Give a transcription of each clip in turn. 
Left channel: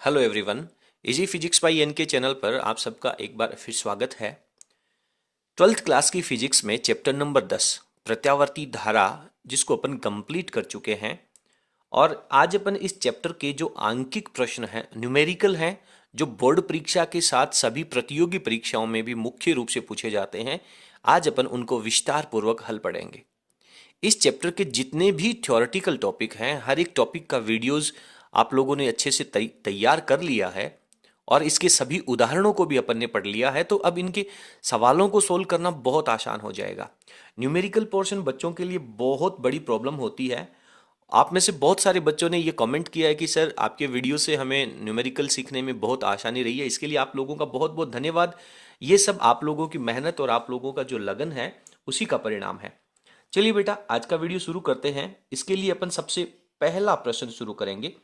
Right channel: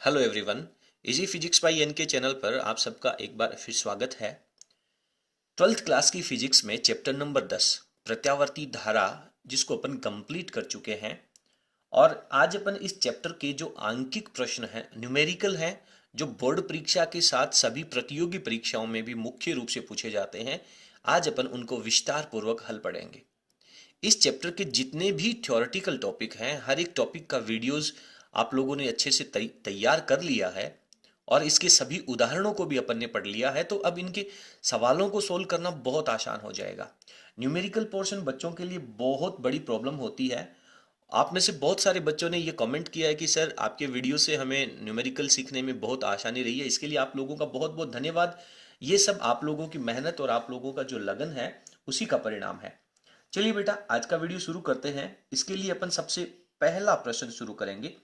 Hello everyone. Easy physics by N K channel पर आप सबका एक बार फिर स्वागत है। 12th क्लास की फिजिक्स में चैप्टर नंबर 10 प्रत्यावर्ती धारा, जिसको अपन कंप्लीट कर चुके हैं। और आज अपन इस चैप्टर के जो आंकिक प्रश्न हैं, न्यूमेरिकल हैं, जो बोर्ड परीक्षा के साथ सभी प्रतियोगी परीक्षाओं में भी मुख्य रूप से पूछे जाते हैं, आज अपन उनको विस्तार पूर्वक हल पढ़ेंगे। इस चैप्टर के जितने भी थ्योरेटिकल टॉपिक हैं, हर एक टॉपिक का वीडियोस आप लोगों ने अच्छे से तैयार कर लिया है और इसके सभी उदाहरणों को भी अपन ने पढ़ लिया है। तो अब इनके सवालों को सोल्व करना बहुत आसान हो जाएगा। न्यूमेरिकल पोर्शन बच्चों के लिए बहुत बड़ी प्रॉब्लम होती है। आप में से बहुत सारे बच्चों ने ये कमेंट किया है कि सर आपके वीडियो से हमें न्यूमेरिकल सीखने में बहुत आसानी रही है। इसके लिए आप लोगों का बहुत बहुत धन्यवाद। ये सब आप लोगों की मेहनत और आप लोगों का जो लगन है, उसी का परिणाम है। चलिए बेटा, आज का वीडियो शुरू करते हैं। इसके लिए अपन सबसे पहला प्रश्न शुरू करेंगे।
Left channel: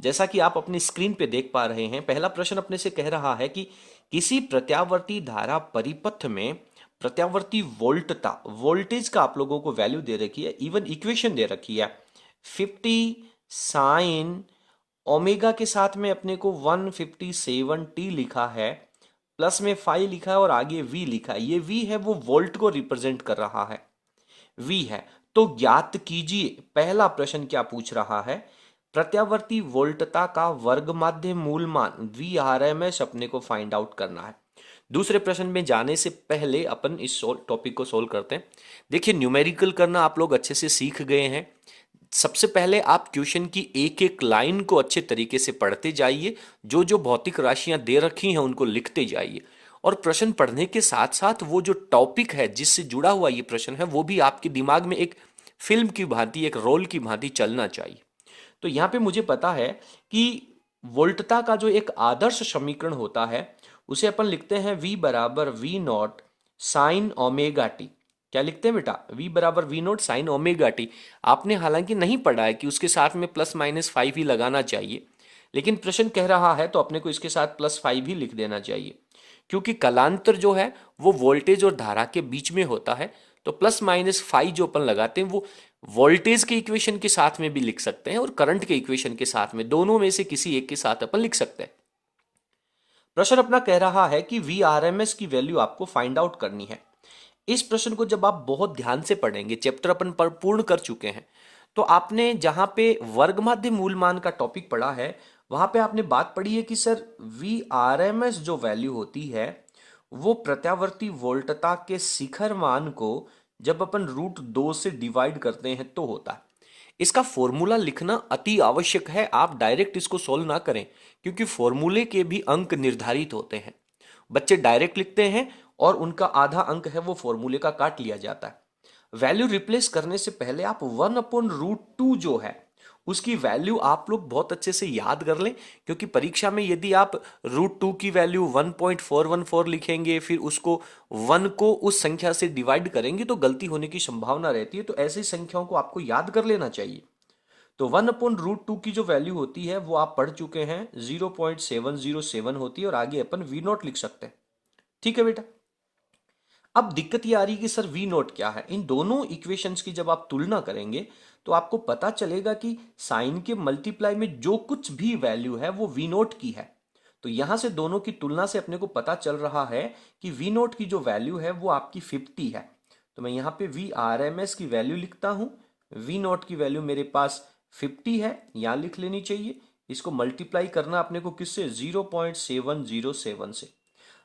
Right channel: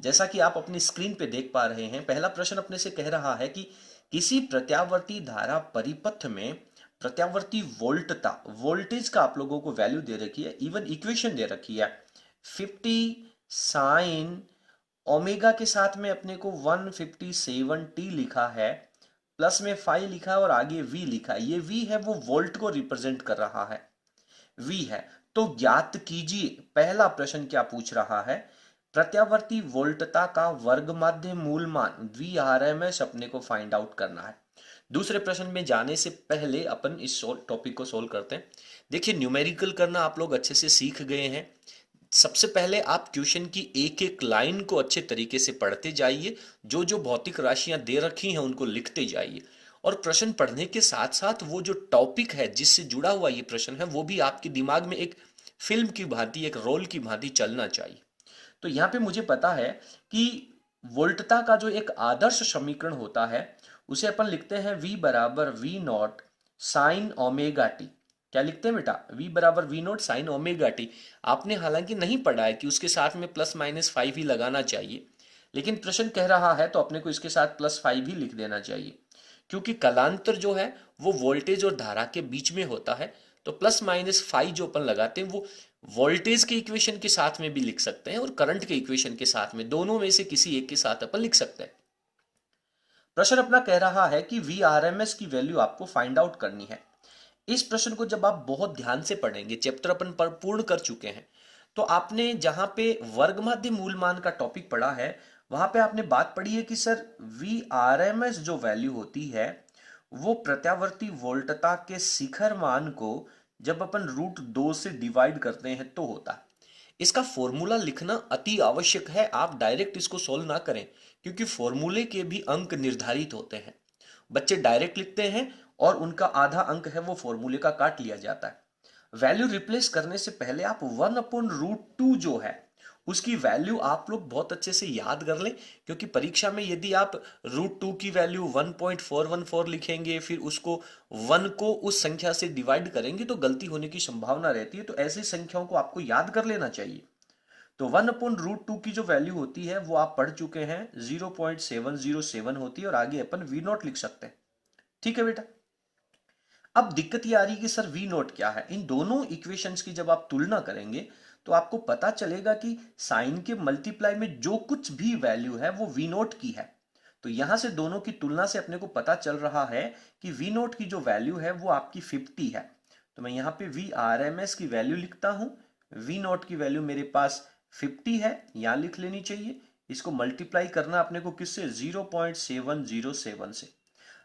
जैसा कि आप अपनी स्क्रीन पे देख पा रहे हैं, पहला प्रश्न अपने से कह रहा है कि किसी प्रत्यावर्ती धारा परिपथ में प्रत्यावर्ती वोल्टता, वोल्टेज का आप लोगों को वैल्यू दे रखी है, इवन इक्वेशन दे रखी है 50 साइन ओमेगा के साथ में अपने को 157t लिखा है, प्लस में 5 लिखा है और आगे v लिखा है। ये v है, वो वोल्ट को रिप्रेजेंट कर रहा है, v है। तो ज्ञात कीजिए, पहला प्रश्न क्या पूछ रहा है, प्रत्यावर्ती वोल्टता का वर्ग माध्य मूल मान Vrms अपने को फाइंड आउट करना है। दूसरे प्रश्न में जाने से पहले अपन इस टॉपिक को सोल्व करते हैं। देखिए, न्यूमेरिकल करना आप लोग अच्छे से सीख गए हैं। सबसे पहले आप क्वेश्चन की एक एक लाइन को अच्छे तरीके से पढ़ते जाइए, जो जो भौतिक राशियां दे रखी हैं उनको लिखते जाइए, और प्रश्न पढ़ने के साथ साथ वो जो टॉपिक है जिससे जुड़ा हुआ ये प्रश्न है, वो भी आपके दिमाग में एक फिल्म की भांति, एक रोल की भांति चलना चाहिए। तो यहाँ पे मुझे पता है कि वोल्टता का जो एक आदर्श समीकरण होता है, उसे अपन लिखते हैं v बराबर V naught sine omega T. क्या लिखते हैं बेटा? v बराबर V naught sine omega T. आपने हालांकि नहीं पढ़ा है कि उसके साथ में +-5 ही लगाना चाहिए, लेकिन प्रश्न कह रहा है तो अपने को इसके साथ +5 ही लिख देना चाहिए, क्योंकि कलांतर जो है वो वोल्टेज और धारा के बीच में होता है। तो +-5 जो अपन लगाते हैं वो वोल्टेज के इक्वेशन के साथ में भी लिख सकते हैं और करंट के इक्वेशन के साथ में, दोनों में से किसी एक के साथ अपन लिख सकते हैं। प्रश्न अपना कह रहा है कि Vrms की वैल्यू आपको फाइंड आउट करनी है। इस प्रश्न को जब आप बहुत ध्यान से पढ़ेंगे, चैप्टर अपन पर पूर्ण कर चुके हैं, तो आपने जहां पे वर्गमाध्य मूल मान का टॉपिक पढ़ा है, वहां पे आपने बात पढ़ी है कि सर Vrms जो वैल्यू होती है, वो प्रत्यावर्ती वोल्टता के शिखर मान को जब अपन √2 से डिवाइड करते हैं तो होता है। इसका फॉर्मूला लिखना अति आवश्यक है। आप डायरेक्ट इसको सोल्व ना करें, क्योंकि फॉर्मूले के भी अंक निर्धारित होते हैं। बच्चे डायरेक्ट लिखते हैं और उनका आधा अंक है वो फॉर्मूले का काट लिया जाता है। वैल्यू रिप्लेस करने से पहले आप 1/√2 जो है उसकी वैल्यू आप लोग बहुत अच्छे से याद कर लें, क्योंकि परीक्षा में यदि आप √2 की वैल्यू 1.414 लिखेंगे, फिर उसको 1 को उस संख्या से डिवाइड करेंगे तो गलती होने की संभावना रहती है। तो ऐसी संख्याओं को आपको याद कर लेना चाहिए। तो 1/√2 की जो वैल्यू होती है वो आप पढ़ चुके हैं, 0.707 होती है, और आगे अपन वी नॉट लिख सकते हैं। ठीक है बेटा। अब दिक्कत ये आ रही है कि सर वी नॉट क्या है। इन दोनों इक्वेशंस की जब आप तुलना करेंगे तो आपको पता चलेगा कि साइन के मल्टीप्लाई में जो कुछ भी वैल्यू है वो वी नॉट की है। तो यहां से दोनों की तुलना से अपने को पता चल रहा है कि वी नॉट की जो वैल्यू है वो आपकी 50 है। तो मैं यहाँ पे Vrms की वैल्यू लिखता हूं। वी नॉट की वैल्यू मेरे पास 50 है, यहां लिख लेनी चाहिए। इसको मल्टीप्लाई करना अपने को किससे? 0.707 से।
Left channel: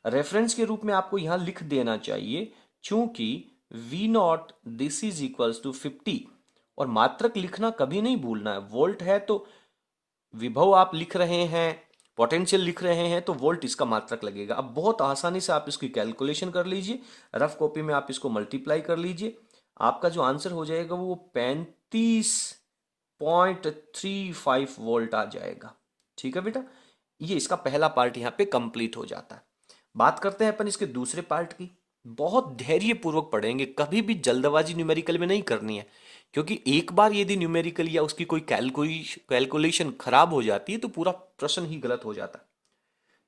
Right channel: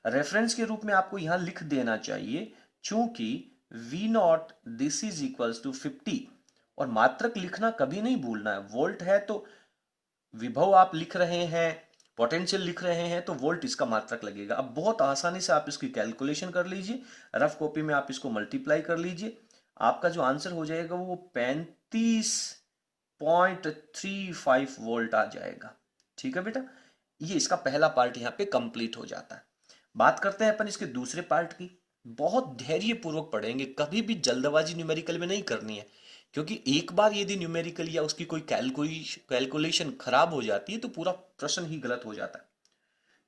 रेफरेंस के रूप में आपको यहां लिख देना चाहिए, चूंकि V naught this is equals to 50। और मात्रक लिखना कभी नहीं भूलना है। वोल्ट है तो विभव आप लिख रहे हैं, पोटेंशियल लिख रहे हैं, तो वोल्ट इसका मात्रक लगेगा। अब बहुत आसानी से आप इसकी कैलकुलेशन कर लीजिए, रफ कॉपी में आप इसको मल्टीप्लाई कर लीजिए। आपका जो आंसर हो जाएगा वो 35.35 वोल्ट आ जाएगा। ठीक है बेटा, ये इसका पहला पार्ट यहाँ पे कंप्लीट हो जाता है। बात करते हैं अपन इसके दूसरे पार्ट की। बहुत धैर्य पूर्वक पढ़ेंगे, कभी भी जल्दबाजी न्यूमेरिकल में नहीं करनी है, क्योंकि एक बार यदि न्यूमेरिकल या उसकी कोई कैलकुलेशन खराब हो जाती है तो पूरा प्रश्न ही गलत हो जाता है।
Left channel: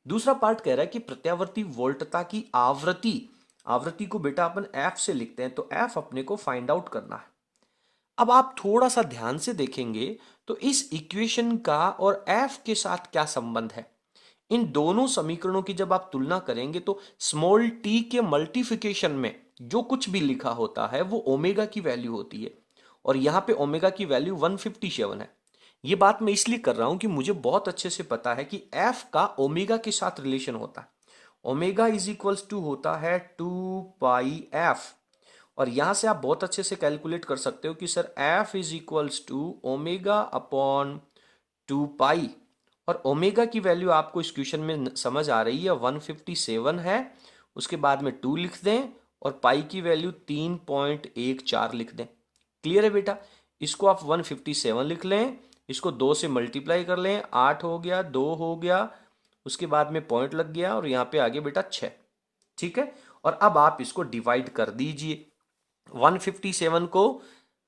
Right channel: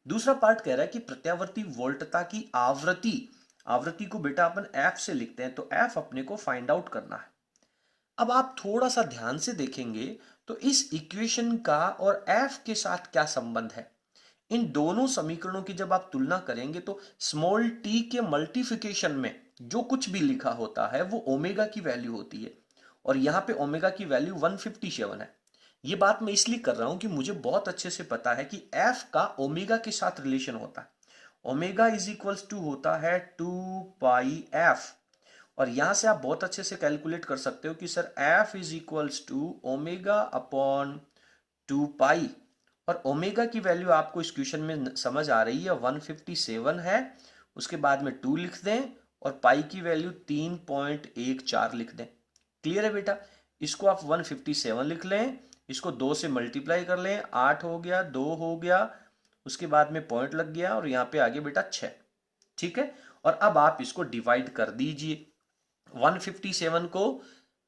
दूसरा पार्ट कह रहा है कि प्रत्यावर्ती वोल्टता की आवृत्ति, आवृत्ति को बेटा अपन एफ से लिखते हैं, तो एफ अपने को फाइंड आउट करना है। अब आप थोड़ा सा ध्यान से देखेंगे तो इस इक्वेशन का और एफ के साथ क्या संबंध है? इन दोनों समीकरणों की जब आप तुलना करेंगे तो स्मॉल टी के मल्टीप्लिकेशन में जो कुछ भी लिखा होता है वो ओमेगा की वैल्यू होती है, और यहां पे ओमेगा की वैल्यू 157 है। ये बात मैं इसलिए कर रहा हूं कि मुझे बहुत अच्छे से पता है कि एफ का ओमेगा के साथ रिलेशन होता है। ओमेगा इज इक्वल्स टू होता है 2 पाई एफ, और यहां से आप बहुत अच्छे से कैलकुलेट कर सकते हो कि sir F is equals to omega upon 2 pi, और ओमेगा की वैल्यू आपको इस क्वेश्चन में समझ आ रही है 157 है, उसके बाद में 2 लिख दें और पाई की वैल्यू 3.14 लिख दें। क्लियर है बेटा? इसको आप 157 लिख लें, इसको 2 से मल्टीप्लाई कर लें, 8 हो गया, 2 हो गया, उसके बाद में पॉइंट लग गया और यहाँ पे आगे बेटा 6। ठीक है, और अब आप इसको डिवाइड कर दीजिए, 157 को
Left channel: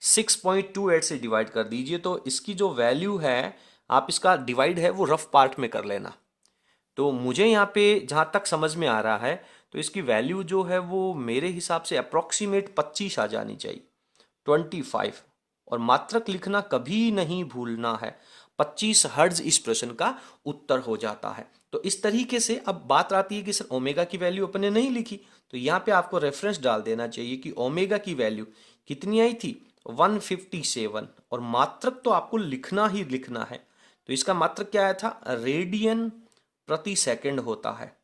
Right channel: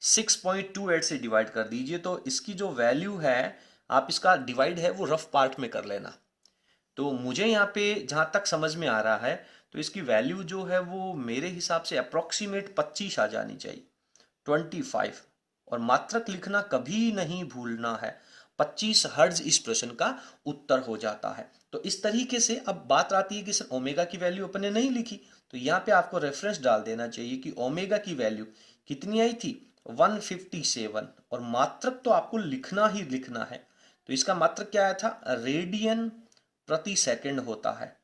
6.28 से डिवाइड कर दीजिए, तो इसकी जो वैल्यू है, आप इसका डिवाइड है वो रफ पार्ट में कर लेना। तो मुझे यहाँ पे जहां तक समझ में आ रहा है तो इसकी वैल्यू जो है वो मेरे हिसाब से अप्रोक्सीमेट 25 आ जानी चाहिए, 25। और मात्रक लिखना कभी नहीं भूलना है, 25 हर्ट्ज इस प्रश्न का उत्तर हो जाता है। तो इस तरीके से अब बात आती है कि सर ओमेगा की वैल्यू अपने नहीं लिखी, तो यहाँ पे आपको रेफरेंस डाल देना चाहिए कि ओमेगा की वैल्यू कितनी आई थी, 157, और मात्रक तो आपको लिखना ही लिखना है। तो इसका मात्रक क्या आया था, रेडियन प्रति सेकंड होता है।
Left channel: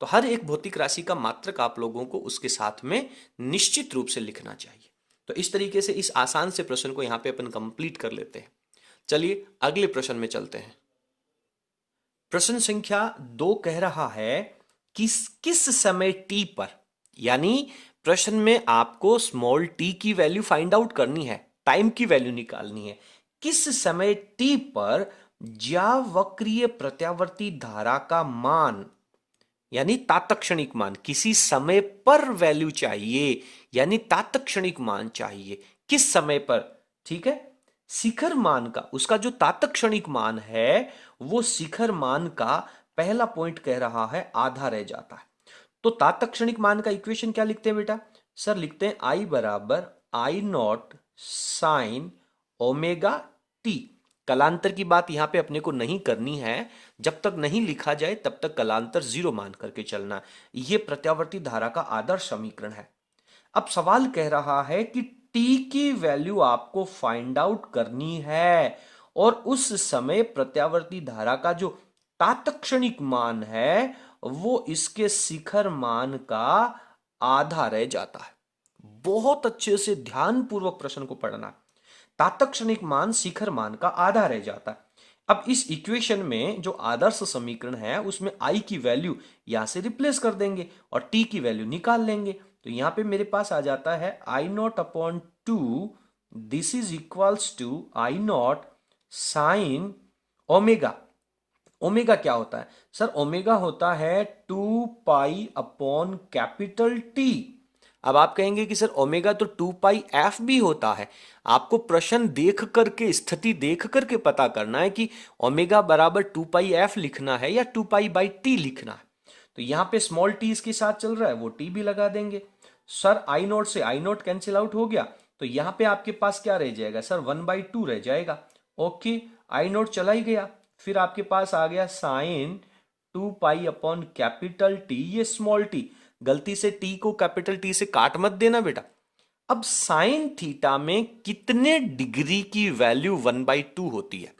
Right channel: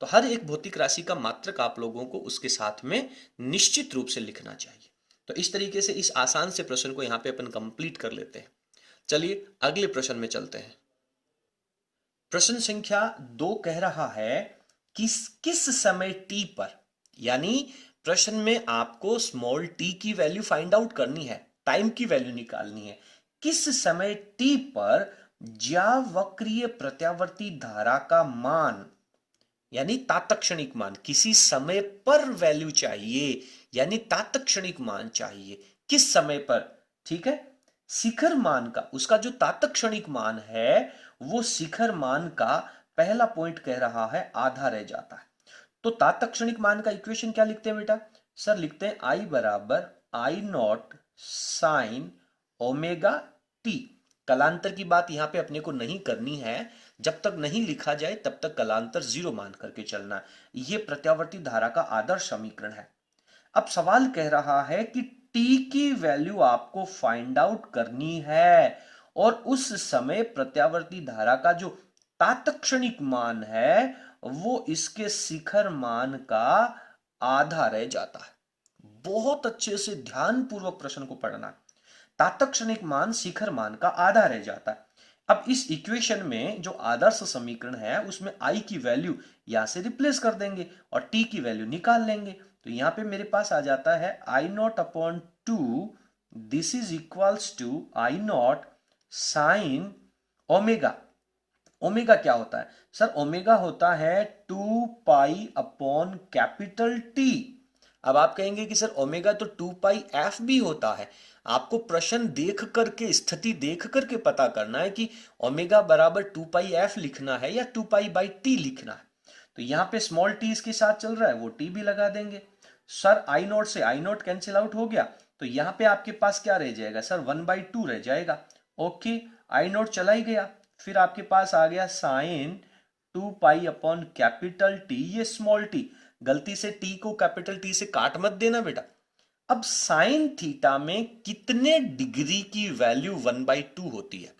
तो हर एक भौतिक राशि का मात्रक आप लोगों को उसके साथ में निश्चित रूप से लिखना चाहिए। तो इस तरीके से इस आसान से प्रश्न को यहाँ पे अपन कंप्लीट कर लेते हैं। चलिए अगले प्रश्न में चलते हैं। प्रश्न संख्या 2 कह रहा है कि किस समय टी पर, यानी प्रश्न में आपको स्मॉल टी की वैल्यू फाइंड आउट करनी है, टाइम की वैल्यू निकालनी है, किस समय टी पर ज्यावक्रीय प्रत्यावर्ती धारा का मान, यानी तात्क्षणिक मान, किसी समय पर वैल्यू चाहिए, यानी तात्क्षणिक मान चाहिए, किस समय पर। ठीक है, शिखर मान का, उसका जो तात्क्षणिक मान है वो शिखर मान का पहला पॉइंट कह रहा है आधा रह जाता है। तो तात्क्षणिक मान का इक्वेशन क्या लिखते हैं बेटा? सर लिखते हैं आई बराबर आई नॉट साइन ओमेगा टी। कलांतर की बात यहां पे अपने को नहीं करनी है, जब तक नहीं लिखा जाए तब तक कलांतर 0 मान करके चलना। यह प्रत्यावर्ती धारा का आदर्श समीकरण है। अब सवाल कह रहा है कि टी की वैल्यू आपको फाइंड आउट करनी है, और उस समय प्रत्यावर्ती धारा का जो तात्क्षणिक मान है वो इसके शिखर मान का आधा रह जाता है। बहुत अच्छे से ध्यानपूर्वक प्रश्न को पढ़ना। तात्क्षणिक मान शिखर मान का आधा रह जाता है। अब इस इक्वेशन में जो आदर्श समीकरण है उसमें आई की वैल्यू यहां से रिप्लेस कर देंगे और टी की वैल्यू निकाल लेंगे। तो यहां पे मेरे पास आ जाता है I naught upon 2, this is equals to I naught sine omega. Omega क्या होता है सर? ओमेगा होता है 2 पाई अपॉन कैपिटल टी। अब आप कहेंगे कि सर ओमेगा तो 2 पाई एफ भी होता है। आपको प्रश्न देख करके, स्थिति देख करके पता करना है कि ओमेगा बराबर 2 पाई एफ लिखना है या 2 पाई/टी लिखना है। तो यहां पे स्मॉल टी इसके साथ चल रहा है, वो टी भी लगा देंगे। सर आई नॉट से आई नॉट कैंसिल आउट हो गया, तो यहां पे आपके पास क्या रह जाएगा सर? 1/2 रह जाएगा। ओके, आई नॉट चला ही गया, फिर आपके पास आ गया sine 2 pi upon capital T, ये स्मॉल टी। गलती से टी को कैपिटल टी से काट मत देना बेटा। अब साइन थीटा में कितने डिग्री की वैल्यू 1/2 होती है?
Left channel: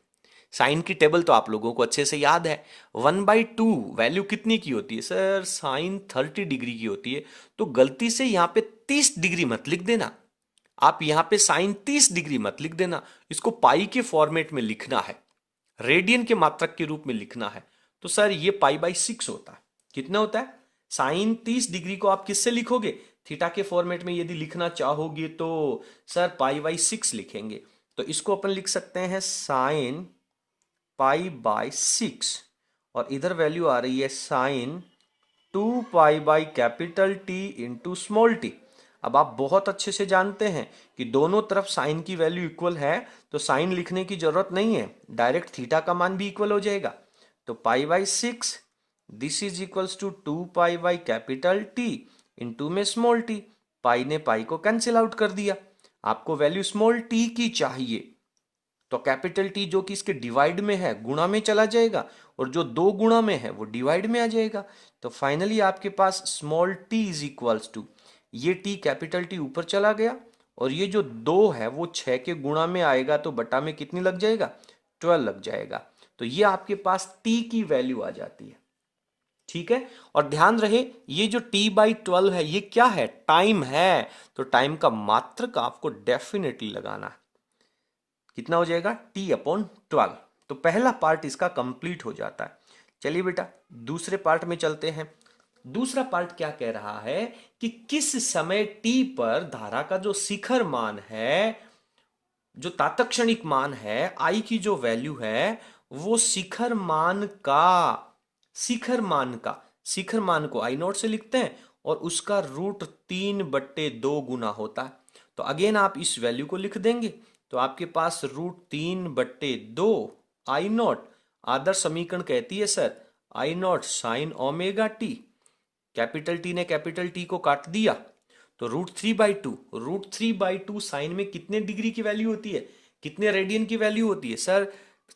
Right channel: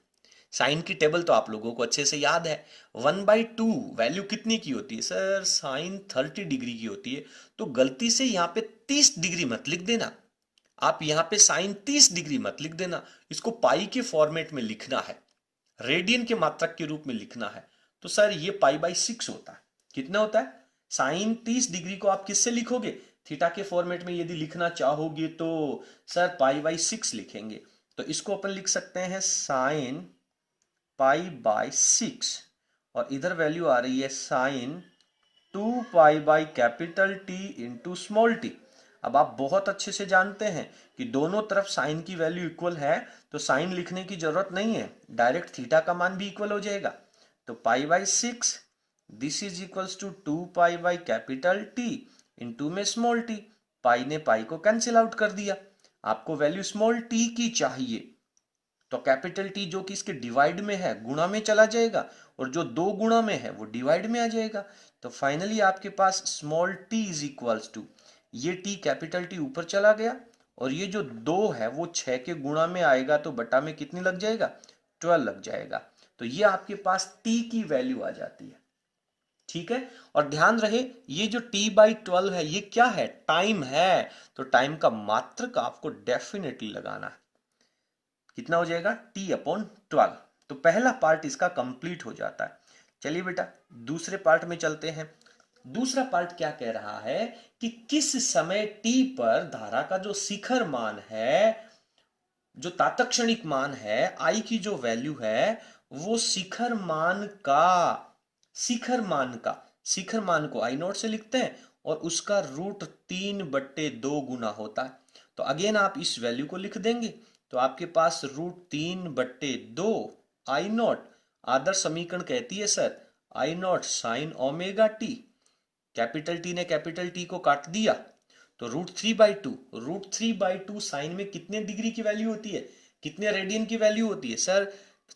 साइन की टेबल तो आप लोगों को अच्छे से याद है। 1/2 वैल्यू कितनी की होती है सर? साइन 30 डिग्री की होती है। तो गलती से यहां पे 30 डिग्री मत लिख देना, आप यहां पे साइन 30 डिग्री मत लिख देना, इसको पाई के फॉर्मेट में लिखना है, रेडियन के मात्रक के रूप में लिखना है। तो सर ये पाई/6 होता है। कितना होता है? साइन 30 डिग्री को आप किससे लिखोगे? थीटा के फॉर्मेट में यदि लिखना चाहोगे तो सर पाई/6 लिखेंगे। तो इसको अपन लिख सकते हैं साइन पाई/6, और इधर वैल्यू आ रही है sine 2 pi capital T into small T. अब आप बहुत अच्छे से जानते हैं कि दोनों तरफ साइन की वैल्यू इक्वल है, तो साइन लिखने की जरूरत नहीं है, डायरेक्ट थीटा का मान भी इक्वल हो जाएगा। तो pi this is equals to 2 pi capital T into में स्मॉल टी। पाई ने पाई को कैंसिल आउट कर दिया, आपको वैल्यू स्मॉल टी की चाहिए। तो कैपिटल टी जो कि इसके डिवाइड में है गुणा में चला जाएगा, और जो 2 गुणा में है वो डिवाइड में आ जाएगा। तो फाइनली आपके पास small T is equals to, ये टी कैपिटल टी ऊपर चला गया, और ये जो 2 है वो 6 के गुणा में आएगा, तो बटा में कितनी लग जाएगा, 12 लग जाएगा। तो ये आपके पास टी की वैल्यू आ जाती है। ठीक है, और ध्यान रहे ये जो t/12 है ये क्या है, टाइम है। तो टाइम का मात्रक आपको डेफिनेटली लगाना है। कितना हो जाएगा, t/12। तो पहला पार्ट इसका कंप्लीट हो जाता है। चलिए बेटा दूसरे पार्ट में चलते हैं। दूसरा पार्ट क्या कह रहा है कि किस समय t पर धारा का जो शिखर मान है, जो तात्क्षणिक मान है I की जो वैल्यू है, वो शिखर मान को I0 से लिखते हैं, और उसका √3/2 गुना होता है। तो अगेन आप इस वैल्यू को लिख देंगे, तो आपके पास √3/2 I0। आदर्श समीकरण कहती है sir I0 sin omega T, capital T ने कैपिटल टी को काट दिया, तो √3/2 साइन में कितने डिग्री की वैल्यू होती है, कितने रेडियन की वैल्यू होती है सर,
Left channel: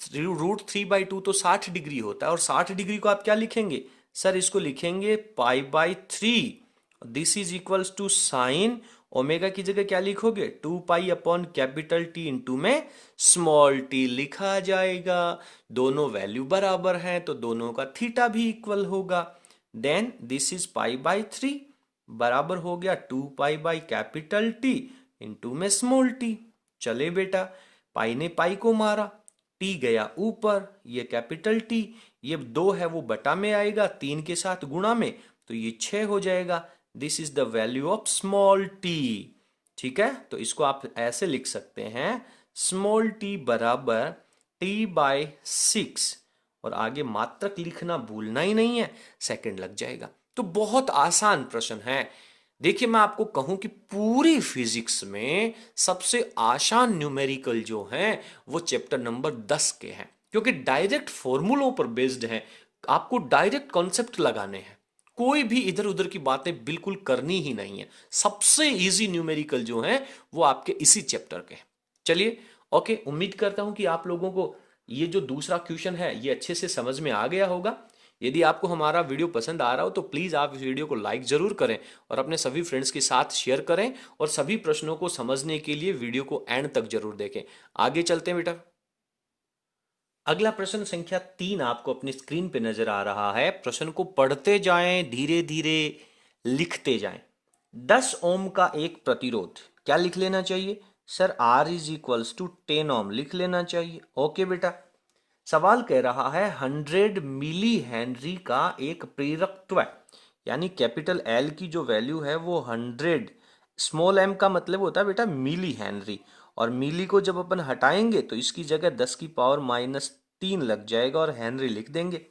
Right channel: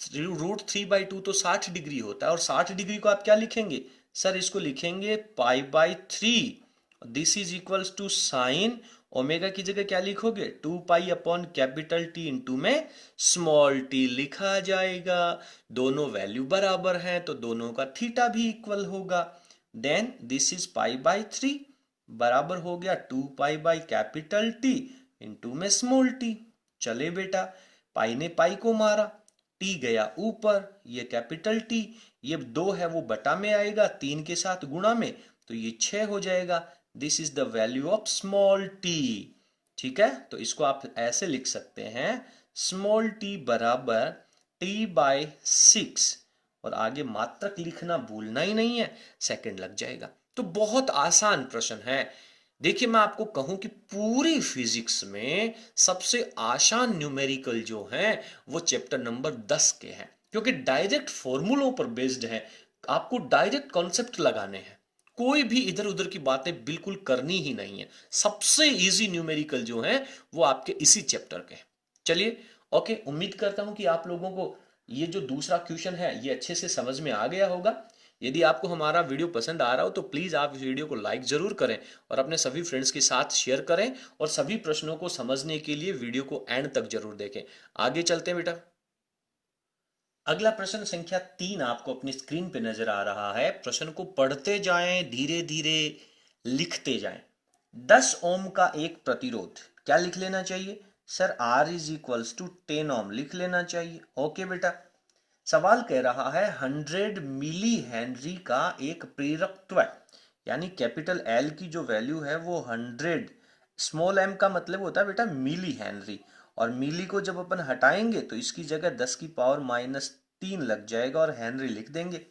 √3/2 तो 60 डिग्री होता है, और 60 डिग्री को आप क्या लिखेंगे सर, इसको लिखेंगे π/3। This is equals to sine omega की जगह क्या लिखोगे, 2π/T इंटू में स्मॉल टी लिखा जाएगा। दोनों वैल्यू बराबर हैं तो दोनों का थीटा भी इक्वल होगा। देन दिस इज π/3 बराबर हो गया 2π/T इंटू में स्मॉल टी। चले बेटा पाई ने पाई को मारा, टी गया ऊपर, ये कैपिटल टी, ये 2 है वो बटा में आएगा 3 के साथ गुणा में, तो ये 6 हो जाएगा। This is the value of small T. ठीक है, तो इसको आप ऐसे लिख सकते हैं स्मॉल टी बराबर t/6, और आगे मात्रक लिखना भूलना ही नहीं है, सेकंड लग जाएगा। तो बहुत आसान प्रश्न है। देखिए मैं आपको कहूं कि पूरी फिजिक्स में सबसे आसान न्यूमेरिकल जो है वो चैप्टर नंबर 10 के हैं, क्योंकि डायरेक्ट फॉर्मूलों पर बेस्ड है। आपको डायरेक्ट कॉन्सेप्ट लगाने हैं, कोई भी इधर उधर की बातें बिल्कुल करनी ही नहीं है। सबसे इजी न्यूमेरिकल जो है वो आपके इसी चैप्टर के हैं। चलिए ओके, उम्मीद करता हूं कि आप लोगों को ये जो दूसरा क्वेश्चन है ये अच्छे से समझ में आ गया होगा। यदि आपको हमारा वीडियो पसंद आ रहा हो तो प्लीज़ आप इस वीडियो को लाइक ज़रूर करें और अपने सभी फ्रेंड्स के साथ शेयर करें, और सभी प्रश्नों को समझने के लिए वीडियो को एंड तक जरूर देखें। आगे चलते हैं बेटा। अगला प्रश्न संख्या 3 आपको अपनी स्क्रीन पे नजर आ रहा है। प्रश्न को पढ़ते जाएं, धीरे धीरे लिखते जाएं। 10 ओम का एक प्रतिरोध, क्या लिख लेना चाहिए sir, R is equals to 10 ohm लिख लेना चाहिए। ओके बेटा, सवाल कह रहा है 100 मिली हेनरी का एक प्रेरकत्व, यानी कैपिटल L की जो वैल्यू है वो 100, स्मॉल m का मतलब होता है बेटा मिली हेनरी, और मिली को जब अपन हटाएंगे तो इसकी जगह 10 की पावर -3 लग जाएगा और हेनरी लिख देंगे।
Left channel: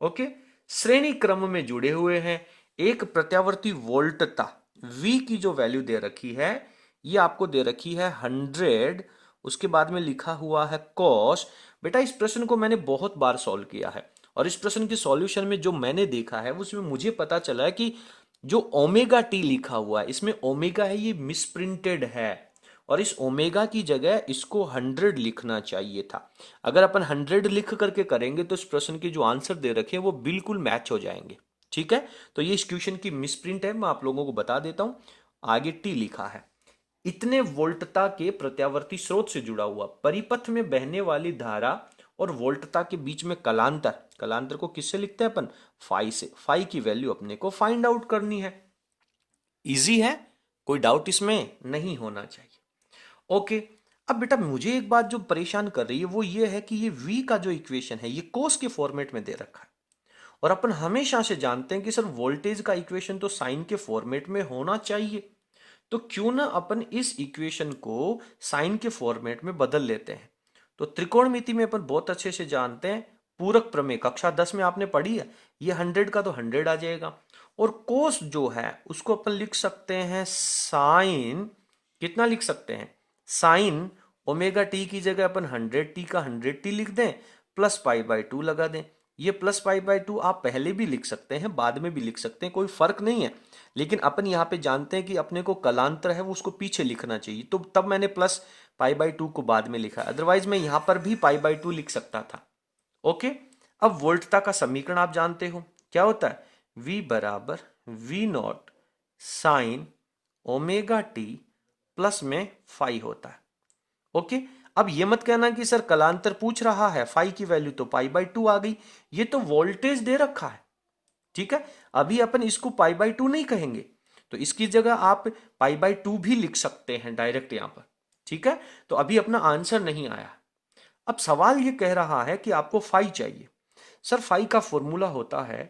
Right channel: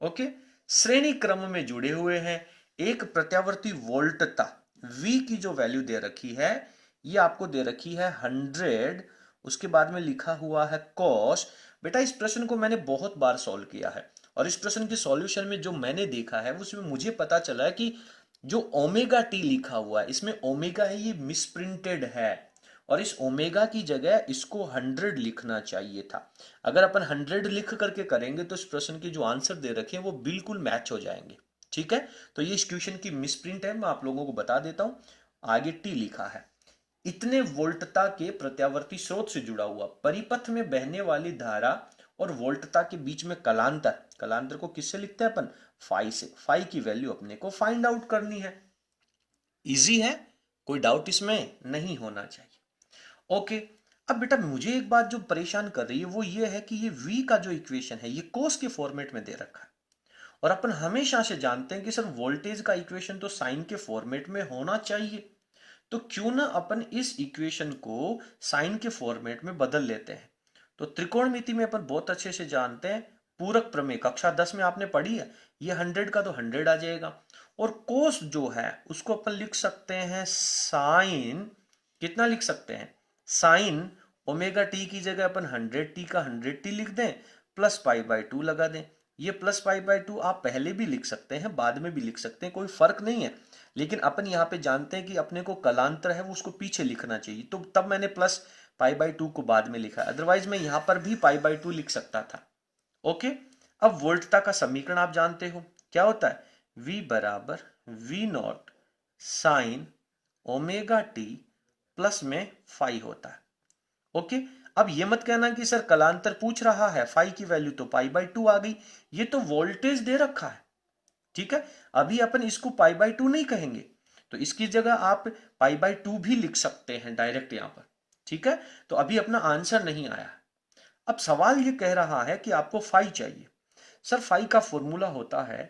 ओके, श्रेणी क्रम में जुड़े हुए हैं। एक प्रत्यावर्ती वोल्टता V की जो वैल्यू दे रखी है ये आपको दे रखी है 100, उसके बाद में लिखा हुआ है कॉस। बेटा इस प्रश्न को मैंने बहुत बार सॉल्व किया है, और इस प्रश्न के सॉल्यूशन में जो मैंने देखा है उसमें मुझे पता चला है कि जो ओमेगा टी लिखा हुआ है इसमें ओमेगा है ये मिसप्रिंटेड है, और इस ओमेगा की जगह इसको 100 लिखना चाहिए था। अगर अपन 100 लिख करके करेंगे तो इस प्रश्न के जो आंसर दे रखे हैं वो बिल्कुल मैच हो जाएंगे। ठीक है, तो ये इस क्वेश्चन की मिसप्रिंट है, मैं आप लोगों को बता देता हूं। आगे टी लिखा है, इतने वोल्टता के प्रत्यावर्ती स्रोत से जुड़ा हुआ परिपथ में बहने वाली धारा और वोल्टता के बीच में कलांतर, कलांतर को किससे लिखते हैं अपन, फाई से। फाई की वैल्यू अपने को फाइंड आउट करनी है। इजी है, कोई डाउट इसमें नहीं होना चाहिए। ओके, अब बेटा मुझे एक बात जो परेशान कर रही है वो ये है कि ये v का जो इक्वेशन है ये कोस के फॉर्मेट में दे रखा है, और अपन हमेशा से जानते हैं कि सर वोल्टेज का इक्वेशन तो साइन के फॉर्मेट में होना चाहिए। तो क्यों ना अपन इस इक्वेशन को साइन के फॉर्मेट में बदल लेते हैं। तो त्रिकोणमिति में अपन बहुत अच्छे से जानते हैं, पूरक प्रमेय कक्षा 10 में आपने पढ़ी है, ये 100 का तो 100 आ जाएगा, और कोस जो है उसको अपन लिख सकते हैं साइन, कितना लिख सकते हैं, साइन ओमेगा टी की जगह अपन 100t का 100t लिख दें, प्लस π/2 लगा दें। ये प्लस π/2 आप पहले भी लिख सकते हैं, बाद में भी लिख सकते हैं, कोई फर्क नहीं है, लेकिन अपन यहाँ पे जानते हैं कि अपने को कलांतर है वो उसको पीछे लिखना चाहिए, तो तब मैंने प्लस पाई बाई 2 को बाद में लिखा है, अदरवाइज मैं यहां पर भी पाई बाई 2 लिख सकता था। ओके, अब वोल्टता का समीकरण आप जानते हो क्या होता है, V बराबर V not sine omega T plus में फाई होता है। ओके, अब ये मत कहना कि सर कलांतर पूछ रहा है, फाई की वैल्यू तो पाई बाई 2 आ गई, ये तो वोल्टेज दे रखा है। ठीक है, अभी अपन इसको पाई बाई 2 नहीं कहेंगे, तो इसकी जगह आप पाई बाई 2 भी लिख सकते हैं डायरेक्ट यहां पर। ठीक है, तो अभी अपना आंसर नहीं आया। अब सवाल ये कह रहा है कि आपको फाई चाहिए। सर फाई का फॉर्मूला होता है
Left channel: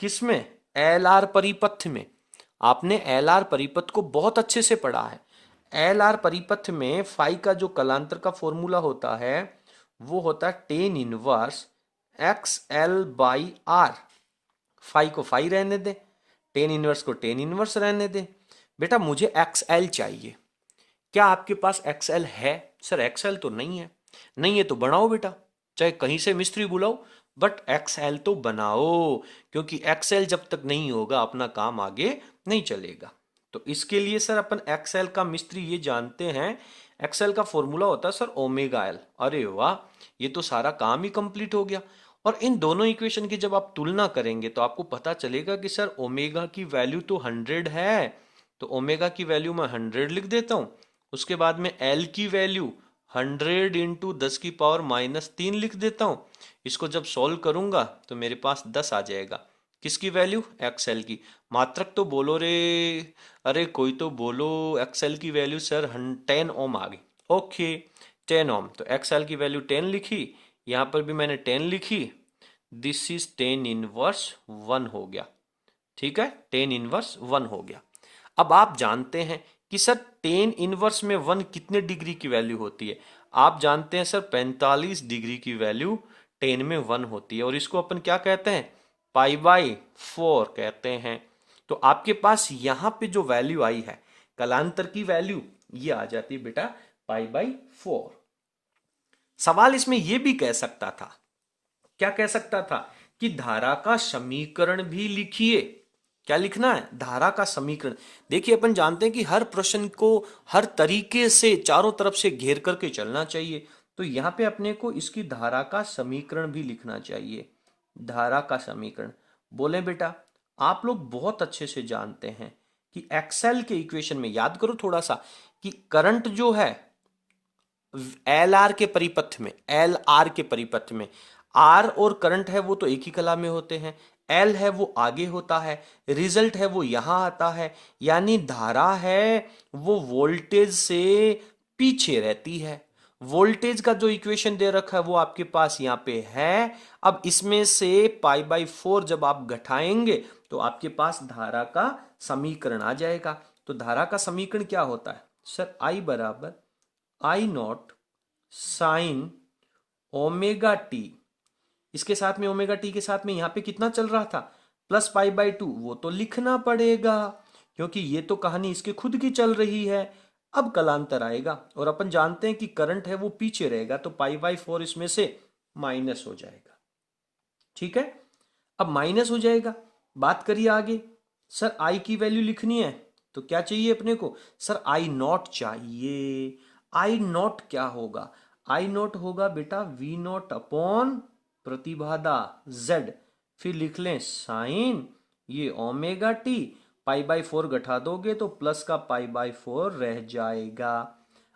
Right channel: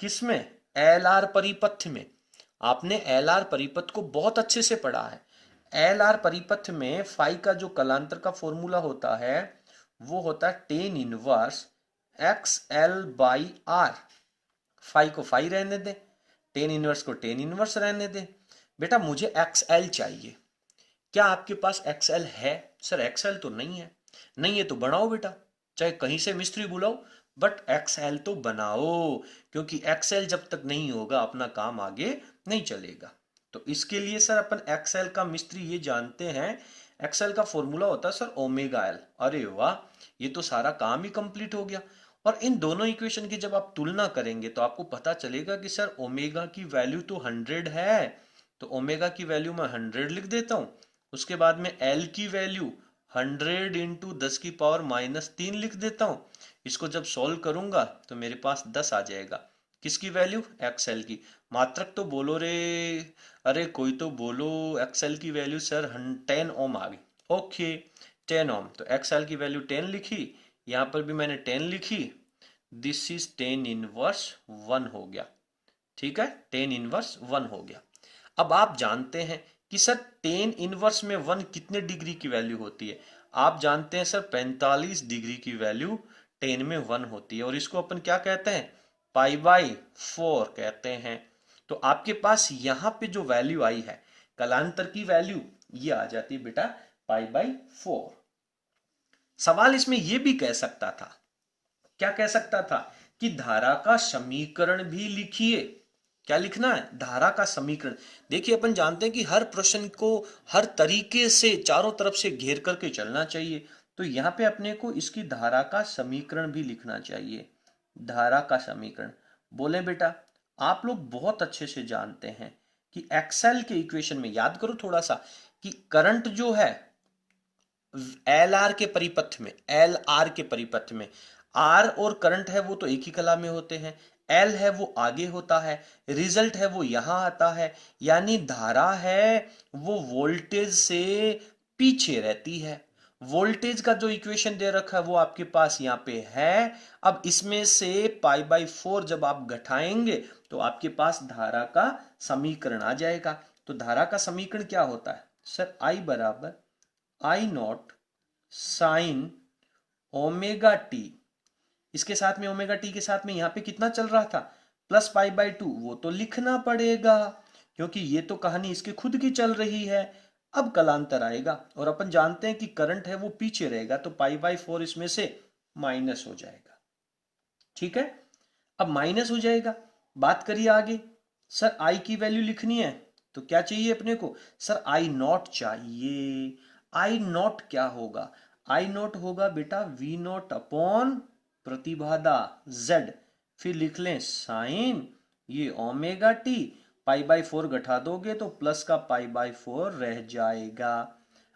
किसमें, एल आर परिपथ में। आपने एल आर परिपथ को बहुत अच्छे से पढ़ा है। एल आर परिपथ में फाई का जो कलांतर का फॉर्मूला होता है वो होता है tan inverse X L by R. Phi को फाई रहने दे, टेन इनवर्स को टेन इनवर्स रहने दे। बेटा मुझे एक्स एल चाहिए, क्या आपके पास एक्स एल है? सर एक्स एल तो नहीं है। नहीं है तो बनाओ बेटा, चाहे कहीं से मिस्त्री बुलाओ, बट एक्स एल तो बनाओ, क्योंकि एक्स एल जब तक नहीं होगा अपना काम आगे नहीं चलेगा। तो इसके लिए सर अपन एक्स एल का मिस्त्री ये जानते हैं, एक्स एल का फॉर्मूला होता है सर ओमेगा एल। अरे वाह, ये तो सारा काम ही कंप्लीट हो गया। और इन दोनों इक्वेशन की जब आप तुलना करेंगे तो आपको पता चलेगा कि सर ओमेगा की वैल्यू तो 100 है, तो ओमेगा की वैल्यू मैं 100 लिख देता हूं। उसके बाद में एल की वैल्यू 100 इंटू 10 की पावर -3 लिख देता हूं। इसको जब सॉल्व करूंगा तो मेरे पास 10 आ जाएगा। किसकी वैल्यू? एक्सएल की। मात्रक तो बोलो रे, अरे कोई तो बोलो, एक्सएल की वैल्यू सर 10 ओम आ गई। ओके, 10 ओम, तो एक्सएल की वैल्यू 10 लिखी, यहां पर भी मैंने 10 लिखी। दिस इज 10 इनवर्स 1 हो गया। ठीक है, 10 इनवर्स 1 हो गया। अब आप जानते हैं कि सर 10 इनवर्स में 1 कितने डिग्री की वैल्यू होती है? आप जानते हैं सर 45 डिग्री की वैल्यू 10 में 1 होती है, और इसको अपन क्या कहते हैं? पाई बाई 4 कहते हैं। तो आपके पास यहां पे जो वैल्यू आई है कलांतर की वैल्यू, ये आ जाती है बेटा पाई बाई 4। सवाल इसमें यह भी कह सकता था, क्या कह सकता था, कि धारा का समीकरण भी लिखिए। क्या लिखना है? धारा का समीकरण। देखिए अपन जानते हैं कि हर प्रश्न को हर तरीके से चारों तरफ से घेर करके चलना चाहिए, तो यहां पे अपने को इसकी धारा का समीकरण भी लिखना चाहिए। धारा का समीकरण बोले बेटा, आप लोग बहुत अच्छे से जानते हैं कि एक्सेल के इक्वेशन में, याद करो थोड़ा सा, कि करंट जो है एल आर के परिपथ में, एल आर के परिपथ में आर और करंट है वो तो एक ही कला में होते हैं, एल है वो आगे होता है, रिजल्ट है वो यहां आता है, यानी धारा है वो वोल्टेज से पीछे रहती है। वोल्टेज का जो इक्वेशन दे रखा है वो आपके पास यहाँ पे है। अब इसमें से पाई बाई 4 जब आप घटाएंगे तो आपके पास धारा का समीकरण आ जाएगा। तो धारा का समीकरण क्या होता है? सर आई बराबर आई नॉट साइन ओमेगा टी, इसके साथ में ओमेगा टी के साथ में यहां पे कितना चल रहा था? प्लस पाई बाई 2, वो तो लिखना पड़ेगा क्योंकि ये तो कहानी इसके खुद की चल रही है। अब कलांतर आएगा और अपन जानते हैं कि करंट है वो पीछे रहेगा, तो पाई बाई 4 इसमें से माइनस हो जाएगा। ठीक है, अब माइनस हो जाएगा, बात करिए आगे। सर आई की वैल्यू लिखनी है तो क्या चाहिए अपने को? सर आई नॉट चाहिए। आई नॉट क्या होगा? आई नॉट होगा बेटा वी नॉट अपॉन प्रतिबाधा z, फिर लिख लें साइन ये ओमेगा टी, पाई बाई 4 घटा दोगे तो प्लस का पाई बाई 4 रह जाएगा।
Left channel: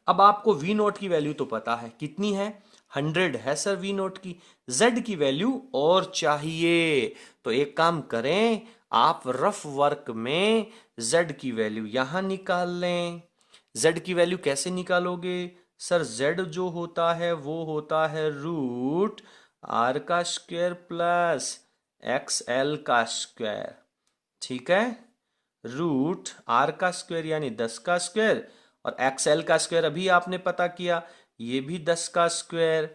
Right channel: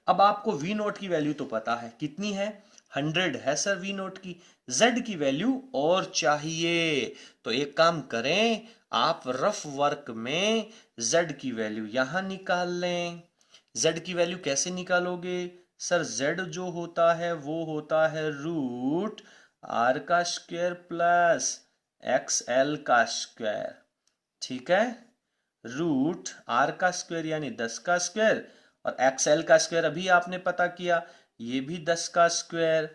अब आपको वी नोट की वैल्यू तो पता है, कितनी है? 100 है सर वी नोट की। z की वैल्यू और चाहिए, तो एक काम करें, आप रफ वर्क में z की वैल्यू यहां निकाल लें। z की वैल्यू कैसे निकालोगे? सर z जो होता है वो होता है रूट आर का स्क्वायर प्लस एक्स एल का स्क्वायर। ठीक है, रूट आर का स्क्वायर यानी 10 का स्क्वायर, और एक्स एल का स्क्वायर अभी आपने पता किया, ये भी 10 का स्क्वायर।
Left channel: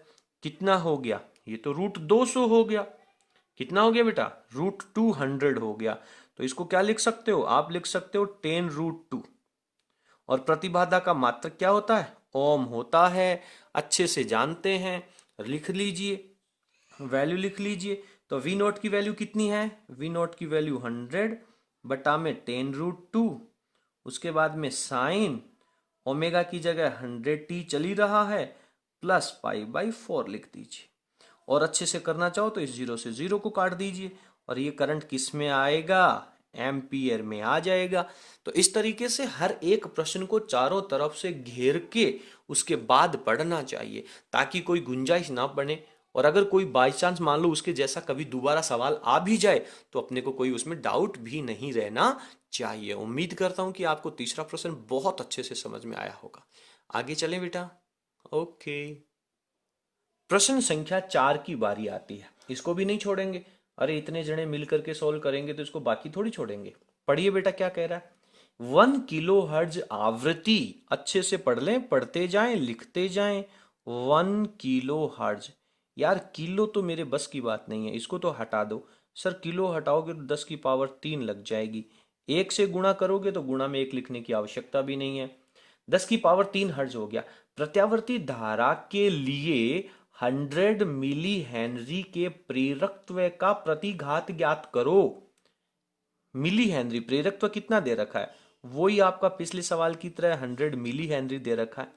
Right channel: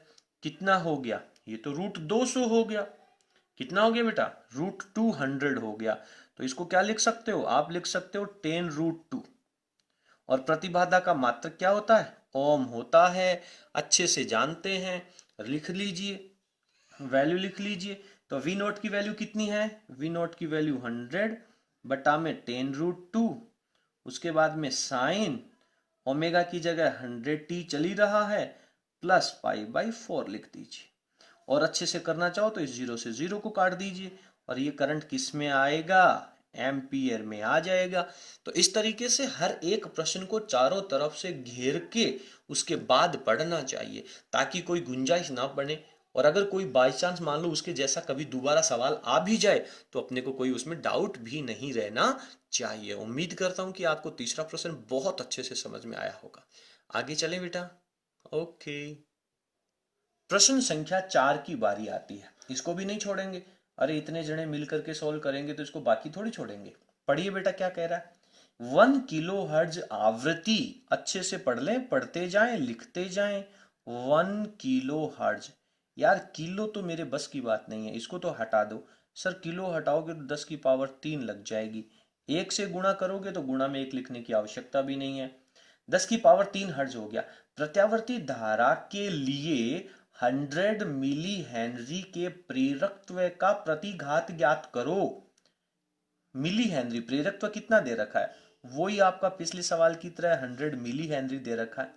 कितना हो गया? ये तो रूट 200 हो गया। कितना हो गया बेटा? रूट 200 हो गया। तो इसको क्या लिख सकते हो? आप लिख सकते हो 10 रूट 2। और प्रतिबाधा का मात्रक क्या होता है? ओम होता है, अच्छे से जानते हैं, लिख लीजिए, वैल्यू लिख लीजिए। तो वी नोट की वैल्यू कितनी है? वी नोट की वैल्यू 100 बटा में 10 रूट 2, उसके बाद में साइन ओमेगा की जगह 100t चल ही रहा है, प्लस π/4 लिख दीजिए। और अच्छे से करना चाहो तो इस जीरो से जीरो को काट दीजिए और ये करंट किस में आएगा, एम्पियर में आ जाएगा। तो इस तरीके से हर एक प्रश्न को चारों तरफ से घेर के उसके बाद पढ़ना चाहिए, ताकि कोई गुंजाइश ना बने। और अगर कोई बाई चांस मान लो उसके जैसा कभी दोबारा सवाल आ भी जाए तो अपने को कोई उसमें डाउट भी नहीं रहना चाहिए। उम्मीद करता हूं कि आपको तीसरा प्रश्न बहुत अच्छे से समझ में आया होगा। आगे चलें बेटा। ओके, प्रश्न संख्या 4 की बारी आती है। इसको भी नहीं छोड़ेंगे, अरे इतने जने मिल करके सोल्व करेंगे तो इसको बाकी थोड़ी छोड़ेंगे। पढ़िए बेटा क्या कह रहा है। 1 किलो हर्ज आवृत्ति, अच्छे से पढ़ लें, पढ़ते जाएं लिखते जाएं। 1 किलो हर्ज, यार किलो तो मेरे बस की बात नहीं है, इसको तो हटा दो। सर किलो हटाओगे तो 10 की पावर 3 लग जाएगी। एक से गुणा करोगे तो गुणा में एक लिखने की आवश्यकता भी नहीं है। 10 की पावर 3 हर्ज हो गया। प्रत्यावर्ती धारा के लिए 100 मिली हेनरी के प्रेरकत्व का प्रतिघात ज्ञात करो। मिली हेनरी प्रेरकत्व कितना दे रखा है, वही आपका पिछले सवाल की तरह 100 मिली हेनरी दे रखा है।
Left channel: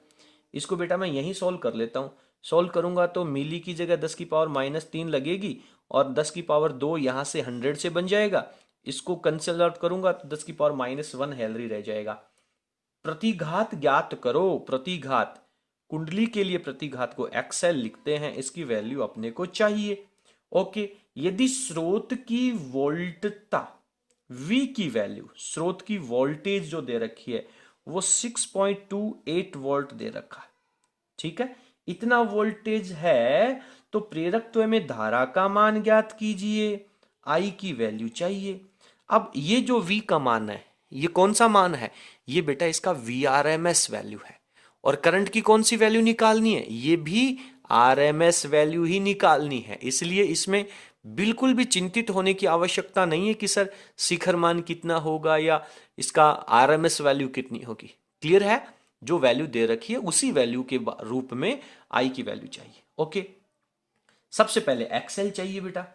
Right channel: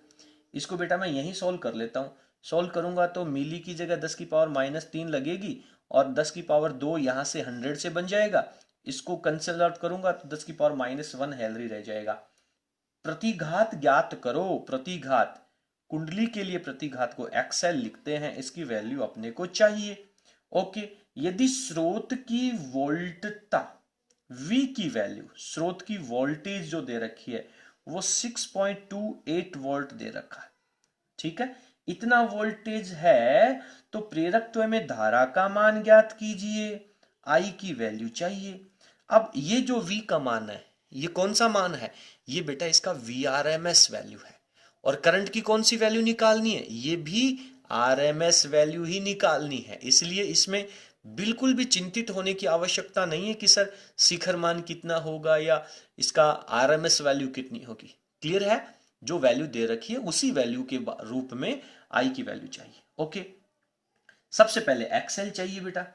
इसको बेटा मैं यहीं सॉल्व कर लेता हूं। सॉल्व करूंगा तो मिली की जगह 10 की पावर-3 लगेगी और 10 की पावर 2 यहां से 100 से बन जाएगा। इसको कैंसिल आउट करूंगा तो 10 की पावर-1 हेनरी रह जाएगा। प्रतिघात ज्ञात करो। प्रतिघात, कुंडली के लिए प्रतिघात को एक्सएल लिखते हैं, इसकी वैल्यू अपने को चाहिए। ओके, यदि स्रोत की वोल्टता V की वैल्यू, स्रोत की वोल्टेज जो दे रखी है वो 6.28 वोल्ट दे रखा है, ठीक है। इतना वोल्टेज है तो प्रेरकत्व में धारा का मान ज्ञात कीजिए। I की वैल्यू चाहिए। अब ये जो V का मान है, ये कौन सा मान है, ये बेटा इसका VRMS वैल्यू है। और करंट की कौन सी वैल्यू निकालनी है, ये भी RMS वैल्यू ही निकालनी है। इसलिए इसमें बिल्कुल भी चिंतित होने की आवश्यकता नहीं है कि सर शिखर मान कितना होगा या इसका RMS वैल्यू कितनी होगी। क्लियर है, जो वैल्यू दे रखी है उसी वैल्यू के रूप में I की वैल्यू चाहिए। ओके, सबसे पहले एक्सएल चाहिए बेटा।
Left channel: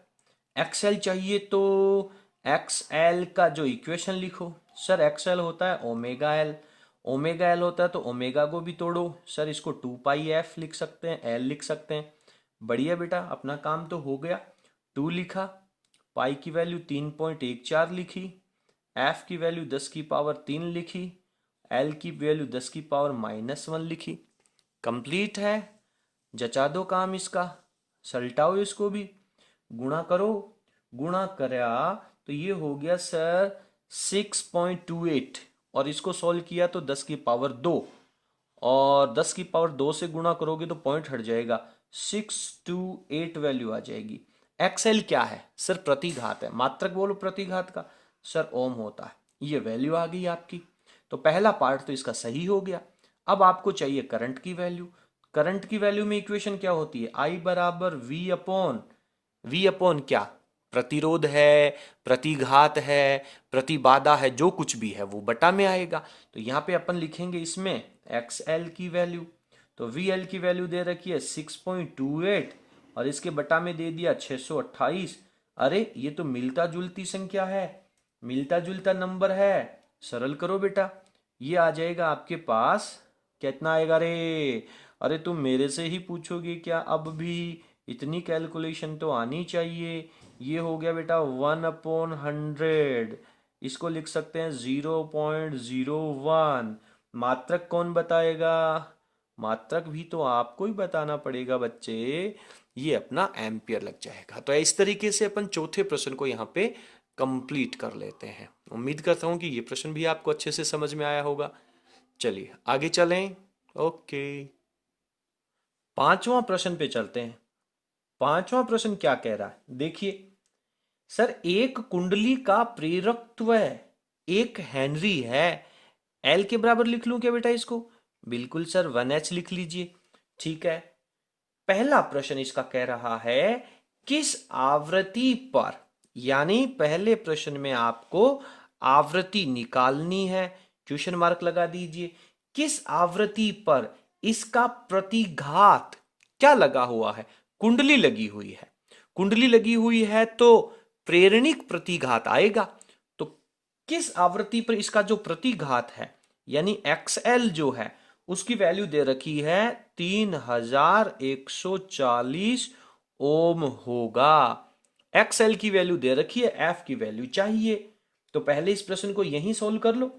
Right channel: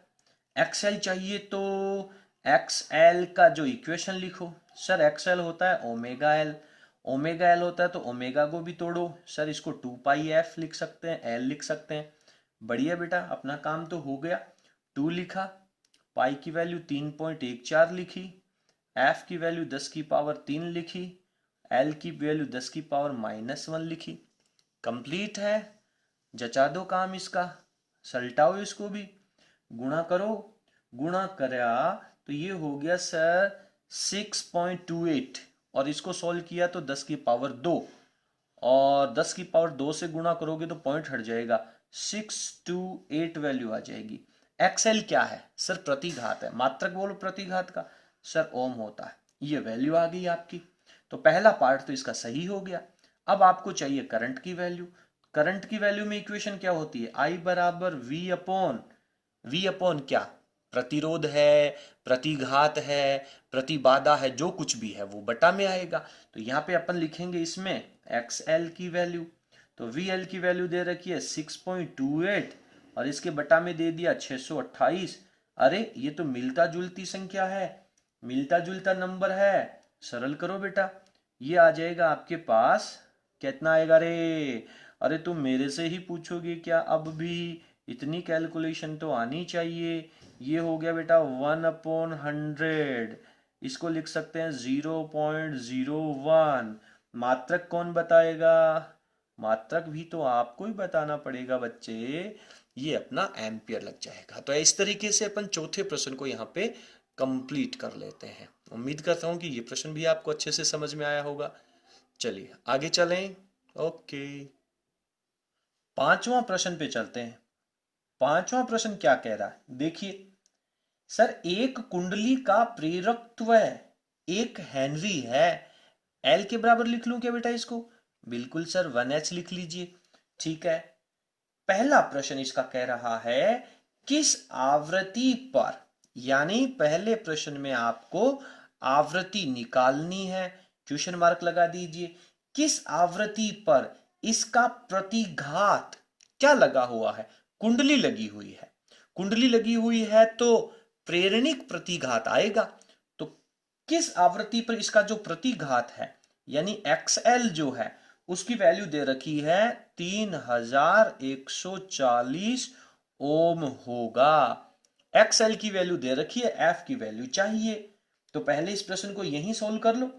एक्सएल चाहिए तो एक्सएल का जो इक्वेशन लिखो। सर एक्सएल होता है ओमेगा एल, ओमेगा एल होता है तो ओमेगा को भी तोड़ो। सर इसको 2πf लिख सकते हैं, एल लिख सकते हैं। बढ़िया बेटा, अपना काम तो हो गया। 2 लिखा, पाई की वैल्यू 3.14 लिखी, एफ की वैल्यू 10 की पावर 3 लिखी, एल की वैल्यू 10 की पावर-1 लिखी। कंप्लीट है, जचा दो काम इसका, सलटाओ इसको भी, गुणा करो। गुणा करा तो ये हो गया सर 6.28 और इसको सॉल्व किया तो 10 की पावर 2 और 10 की पावर 2 से गुणा करोगे तो पॉइंट हट जाएगा, 628 वैल्यू आ जाएगी। एक्सएल क्या है सर, प्रतिघात है। मात्रक बोलो प्रतिघात का, सर ओम होता है। ये वैल्यू आ गई आपकी, तो पहला पार्ट तो इसका सही हो गया। अब आपको चाहिए करंट की वैल्यू। करंट की वैल्यू में इक्वेशन क्या होती है, I बराबर V अपॉन क्या, प्रतिरोध है, प्रतिघात है, प्रतिबाधा है, जो कुछ भी है वो बटा में आएगा। तो यहाँ पे अपन लिखेंगे इसमें XL की वैल्यू, तो VL की वैल्यू दे रखी है 6.28 और इसके बटा में दे दिया 628। अरे ये तो मिलता जुलती संख्या है, मिलता जुलता नंबर है। सरल करो बेटा, ये आ जाएगा आपके पास, कितना आएगा रे, अरे तुम मेरे से ही पूछोगे क्या, अब भी इतनी कैलकुलेशन तो आनी चाहिए। ये हो गया बेटा 1/100, इसको लिख सकते हैं 0.01। मात्रक कौन बताएगा, मात्रक भी तो आपको ही बताना पड़ेगा बच्चे, ये अपना एम्पियर लग जाएगा। तो इस तरीके से अपन चौथे प्रश्न को यहाँ पे कंप्लीट कर लेते हैं। उम्मीद करता हूँ कि ये प्रश्न भी आपको अच्छे से समझ में आया होगा। चलिए आगे चलें। ओके, पांचवा प्रश्न पे चलते हैं। पांचवा प्रश्न क्या कह रहा है, देखिए सर, एक कुंडली का प्रेरकत्व 1 हेनरी है, एल के बराबर लिख लूं क्या बेटा इसको, बिल्कुल सर 1H लिख लीजिए, ठीक है। पहला प्रश्न इसका कह रहा है किस आवृत्ति पर, यानी पहले प्रश्न में आपको आवृत्ति निकालनी है, क्वेश्चन मार्क लगा दीजिए। किस आवृत्ति पर इसका प्रतिघात क्या लगा हुआ है, कुंडली लगी हुई है। कुंडली लगी हुई है तो प्रेरणिक प्रतिघात आएगा। तो किस आवृत्ति पर इसका जो प्रतिघात है यानी XL जो है उसकी वैल्यू दे रखी है 3140 ओम होगा। XL की वैल्यू दे रखी है, F की वैल्यू चाहिए। तो पहले इस प्रश्न को यहीं सोल्व कर लो,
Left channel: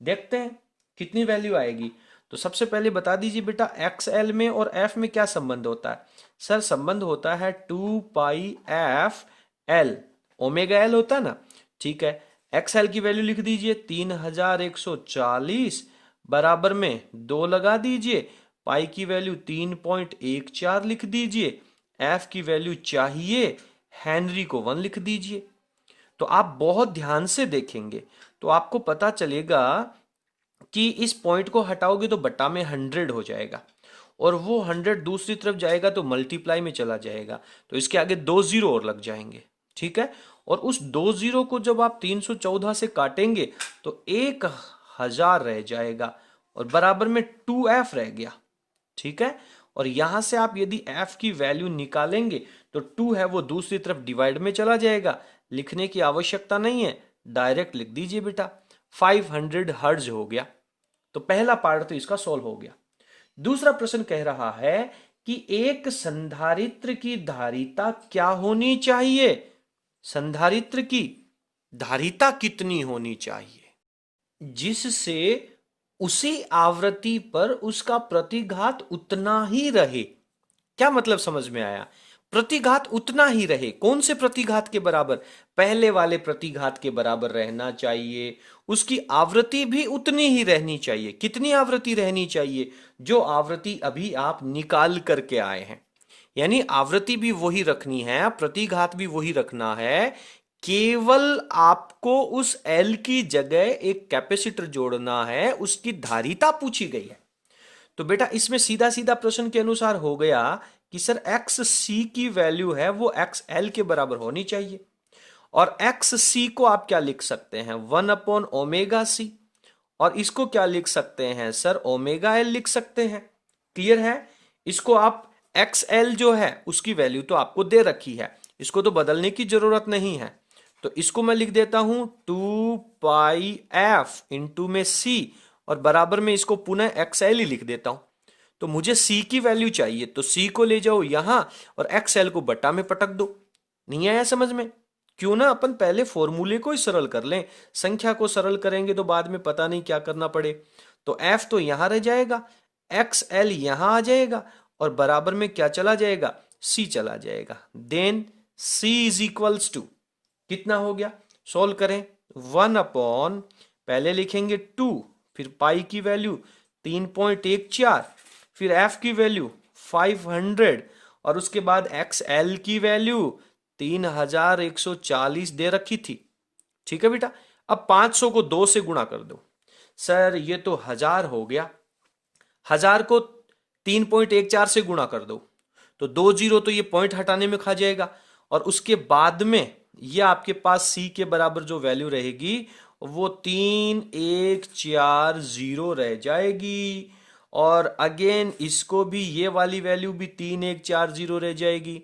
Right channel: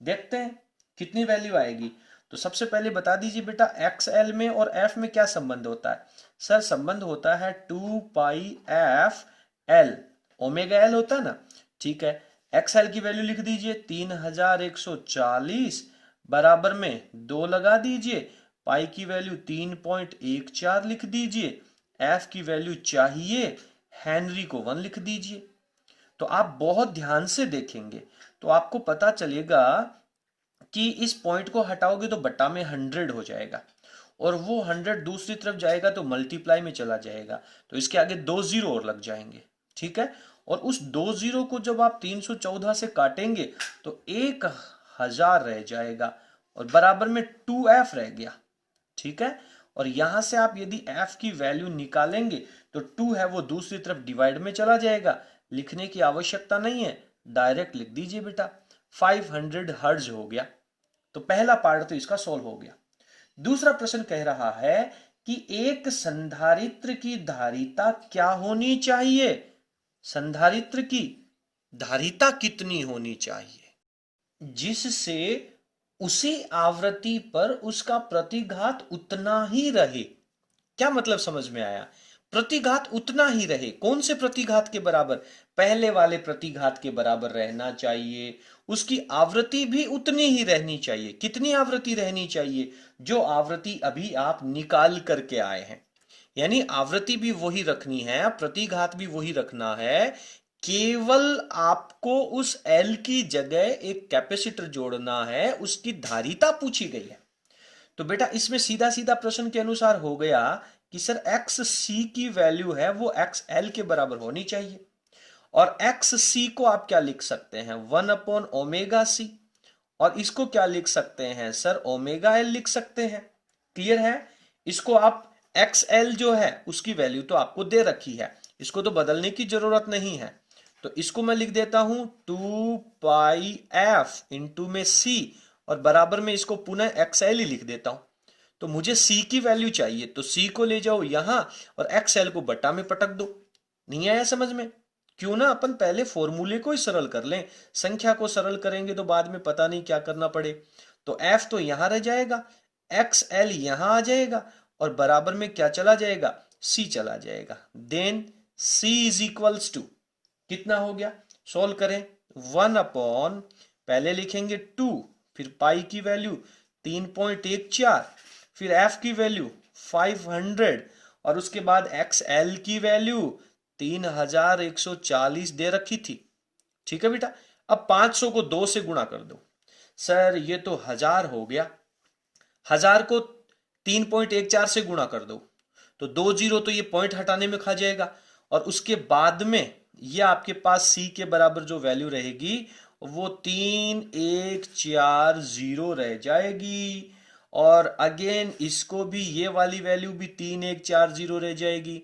देखते हैं कितनी वैल्यू आएगी। तो सबसे पहले बता दीजिए बेटा XL में और F में क्या संबंध होता है। सर संबंध होता है 2 पाई एफ एल, ओमेगा एल होता है ना। ठीक है, XL की वैल्यू लिख दीजिए 3140 बराबर में 2 लगा दीजिए, पाई की वैल्यू 3.14 लिख दीजिए, एफ की वैल्यू चाहिए, हेनरी को 1 लिख दीजिए। तो आप बहुत ध्यान से देखेंगे तो आपको पता चलेगा कि इस पॉइंट को हटाओगे तो बटा में 100 हो जाएगा, और वो 100 दूसरी तरफ जाएगा तो मल्टीप्लाई में चला जाएगा, तो इसके आगे 2 जीरो और लग जाएंगे। ठीक है, और उस 2 जीरो को जब आप 314 से काटेंगे तो 1000 रह जाएगा और बराबर में 2f रह गया। ठीक है, और यहां से आप यदि f की वैल्यू निकालेंगे तो 2 है वो दूसरी तरफ डिवाइड में चला जाएगा, लिखने की आवश्यकता नहीं है, डायरेक्ट लिख दीजिए बेटा 500 हर्ट्ज हो गया। तो पहला पार्ट तो इसका सॉल्व हो गया। दूसरा प्रश्न कह रहा है कि एक संधारित्र की धारिता क्या होनी चाहिए। संधारित्र की धारिता कितनी होनी चाहिए जिससे उसी आवृत्ति पर उसका प्रतिघात उतना ही रहे। क्या मतलब समझ में आया? प्रतिघात उतना ही रहे, कौन से प्रतिघात के बराबर? पहले वाले प्रतिघात के बराबर रहना चाहिए, उसकी आवृत्ति भी उतनी ही रहनी चाहिए। कितनी आवृत्ति रहनी चाहिए? जो आवृत्ति अभी आप निकाल करके आए हैं, यानी आवृत्ति भी वही रखनी है, प्रतिघात भी वही रखना है, केवल आपको उस L की जगह एक कैपेसिटर जोड़ना है, उसकी धारिता पूछी गई है। तो बेटा इसमें सीधा सीधा प्रश्न के अनुसार हो गया कि सर XC की वैल्यू है वो XL के बराबर होनी चाहिए, और XC को आप क्या लिख सकते हैं? 1/ओमेगा C, और इसको क्या लिख सकते हैं सर? ओमेगा L लिख सकते हैं। क्लियर है? इसको आप XL जो है उसकी वैल्यू तो आपको दे रखी है, इसको तो बदलने की जरूरत नहीं है। तो इसको मैं लिख देता हूं 2 पाई एफ इंटू में C, और बराबर में इसको पुनः XL ही लिख देता हूं। तो मुझे C की वैल्यू चाहिए, तो C को ले जाओ यहां और XL को बटा में पटक दो। नहीं आया समझ में? क्यों ना अपन पहले फॉर्मूले को ही सरल कर लें, संख्या को सरल करेंगे तो बाद में पता नहीं क्या करना पड़े। तो F तो यहां रह जाएगा, XL यहां आ जाएगा, और बराबर में क्या चला जाएगा? C चला जाएगा। Then C is equals to कितना हो गया? सोल्व करें, 1 पहले लिखेंगे 2, फिर पाई की वैल्यू 3.14, फिर F की वैल्यू 500, और उसके बाद XL की वैल्यू 3140 दे रखी थी। ठीक है बेटा, अब 500 को 2 से गुणा कर दो। सर ये तो 1000 हो गया, 1000 को 3.14 से गुणा कर दो तो 2 जीरो तो ये पॉइंट हटाने में खा जाएगा, और उसके बाद में ये आपके पास C के बराबर जो वैल्यू रहेगी वो 3140 रह जाएगी, और अगेन इसको भी ये वाली वैल्यू भी 3140 रह जाएगी।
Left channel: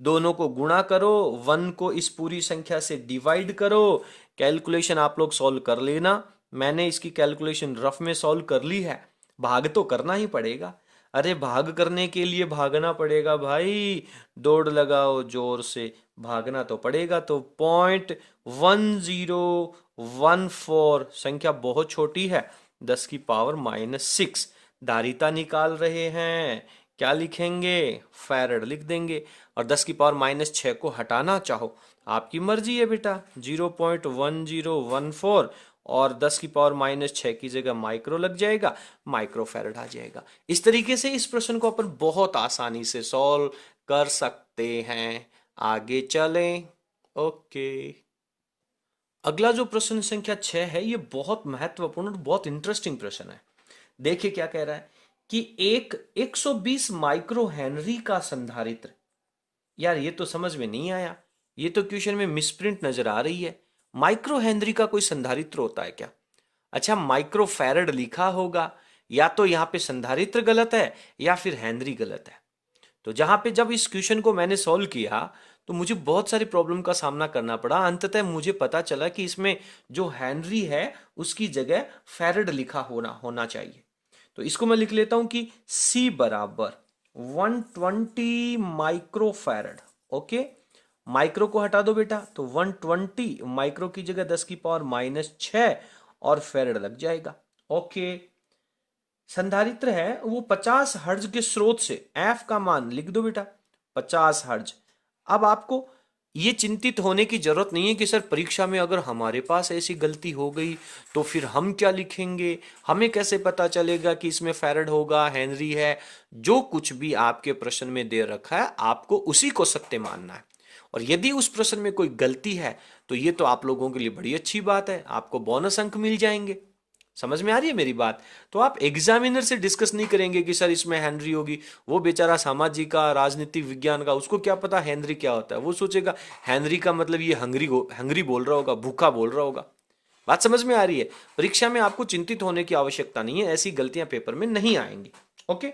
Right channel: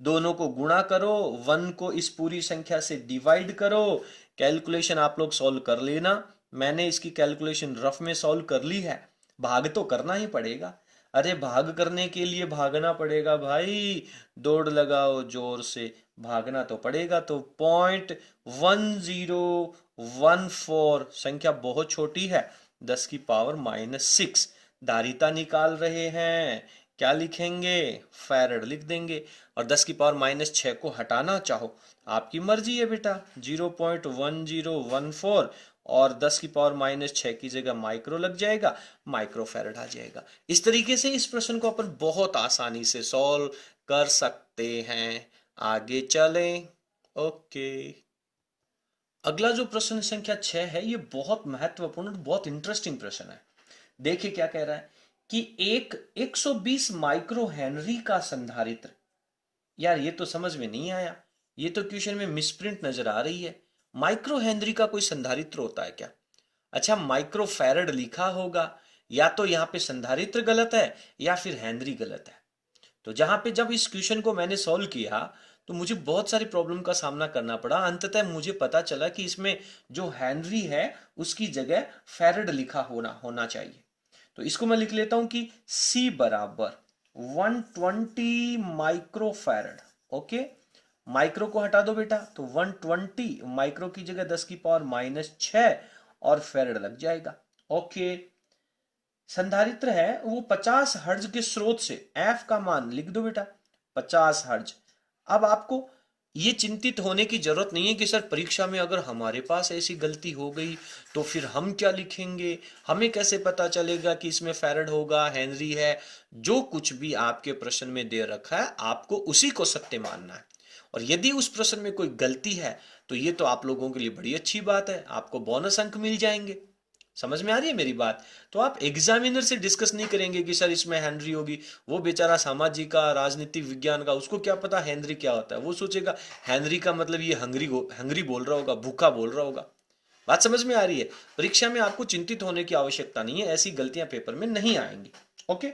दोनों को गुणा करो, 1 को इस पूरी संख्या से डिवाइड करो। कैलकुलेशन आप लोग सॉल्व कर लेना, मैंने इसकी कैलकुलेशन रफ में सॉल्व कर ली है। भाग तो करना ही पड़ेगा, अरे भाग करने के लिए भागना पड़ेगा भाई, दौड़ लगाओ जोर से, भागना तो पड़ेगा। तो 0.1014, संख्या बहुत छोटी है, 10 की पावर -6। धारिता निकाल रहे हैं, क्या लिखेंगे? फैरड लिख देंगे, और 10 की पावर -6 को हटाना चाहो आपकी मर्जी है बेटा, 0.1014 और 10 की पावर -6 की जगह माइक्रो लग जाएगा, माइक्रो फैरड आ जाएगा। इस तरीके से इस प्रश्न को अपन बहुत आसानी से सॉल्व कर सकते हैं। आगे चलें। ओके, अगला जो प्रश्न संख्या 6 है, ये बहुत महत्वपूर्ण और बहुत इंटरेस्टिंग प्रश्न है। देखिए क्या कह रहा है कि एक 120 माइक्रो हेनरी का संधारित्र। यार ये तो समझ में नहीं आया, ये तो क्वेश्चन में मिसप्रिंट नजर आ रही है। माइक्रो हेनरी का कोई संधारित्र होता है क्या? अच्छा, माइक्रो फैरड लिखा होगा, या तो यहाँ पे संधारित्र गलत है या फिर हेनरी गलत है। तो जहां पे जब इस क्वेश्चन को मैंने सॉल्व किया तो मुझे बहुत सारी प्रॉब्लम का सामना करना पड़ा। अंततः मुझे पता चला कि इसमें जो हेनरी है उसकी जगह फैरड लिखा होना चाहिए। तो इसको मैं लिख लेता हूं कि C बराबर 120 माइक्रोफैरड। ओके, माइक्रो को हटा दो बेटा, तो 120 माइक्रो की जगह 10 की पावर -6 और फैरड लग जाएगा। ओके, संधारित्र है वो 50 हर्ज के स्रोत से, एफ का मान लिख दो बेटा 50 हर्ज। अब आपको ये चिंतित होने की जरूरत नहीं है कि सर परीक्षा में अगर हमारे पास ऐसी गलती हो गई तो फिर हम क्या लिखेंगे, हमें कैसे पता चलेगा कि इसमें फैरड होगा, हेनरी है। जो कुछ भी आपके प्रश्न में दे रखा है आपको उसी को सत्य मानना है। और यदि उस प्रश्न में कोई गलती है तो ये तो आप लोगों के लिए बड़ी अच्छी बात है, आपको बोनस अंक मिल जाएंगे। समझ में आ रही है मेरी बात? तो आप एग्जामिनर से डिस्कस नहीं करेंगे कि सर इसमें हेनरी होगी। वो बेचारा सामाजिक का, राजनीतिक विज्ञान का, उसको क्या पता हेनरी क्या होता है। वो सोचेगा हेनरी का मतलब ये हंगरी बोल रहा होगा, भूखा बोल रहा होगा। बात समझ में आ रही है? परीक्षा में आपको चिंतित होने की आवश्यकता नहीं है, ऐसी गलतियां पेपर में नहीं आएंगी। ओके,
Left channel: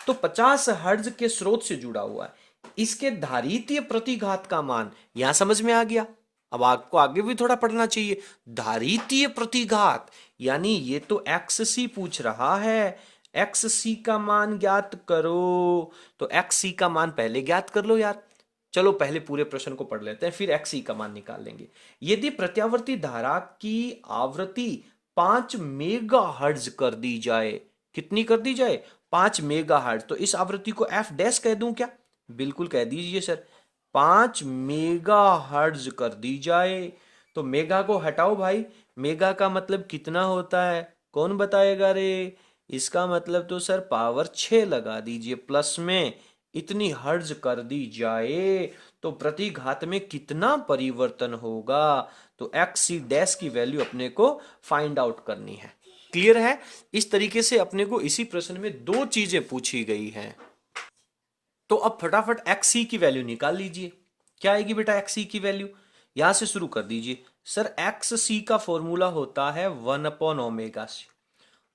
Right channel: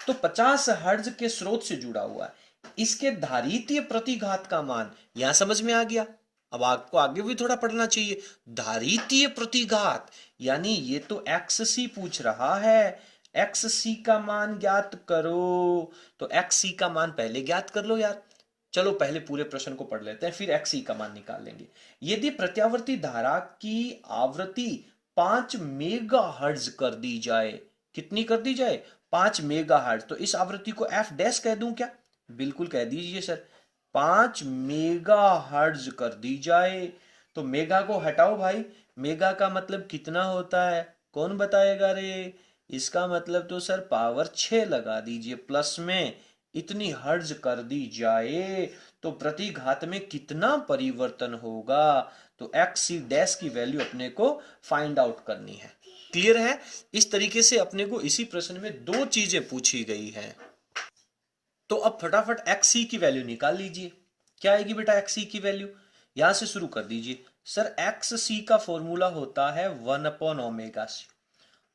तो 50 हर्ज के स्रोत से जुड़ा हुआ है, इसके धारितीय प्रतिघात का मान यहां समझ में आ गया। अब आपको आगे भी थोड़ा पढ़ना चाहिए। धारितीय प्रतिघात यानी ये तो एक्स सी पूछ रहा है, एक्स सी का मान ज्ञात करो। तो एक्स सी का मान पहले ज्ञात कर लो यार। चलो पहले पूरे प्रश्न को पढ़ लेते हैं, फिर एक्स सी का मान निकाल लेंगे। यदि प्रत्यावर्ती धारा की आवृत्ति 5 मेगा हर्ज कर दी जाए, कितनी कर दी जाए? 5 मेगा हर्ज। तो इस आवृत्ति को एफ डैश कह दूं क्या? बिल्कुल कह दीजिए सर। 5 मेगा हर्ज कर दी जाए। तो मेगा को हटाओ भाई, मेगा का मतलब कितना होता है, कौन बताएगा रे? इसका मतलब तो सर पावर 6 लगा दीजिए प्लस में, इतनी हर्ज कर दी जाए तो प्रतिघात में कितना परिवर्तन होगा। तो एक्स सी डैश की वैल्यू अपने को फाइंड आउट करनी है। क्लियर है? इस तरीके से अपने को इसी प्रश्न में दो चीजें पूछी गई हैं। तो अब फटाफट एक्स सी की वैल्यू निकाल लीजिए। क्या आएगी बेटा एक्स सी की वैल्यू? यहां से शुरू कर दीजिए। सर एक्स सी का फॉर्मूला होता है 1/ओमेगा सी,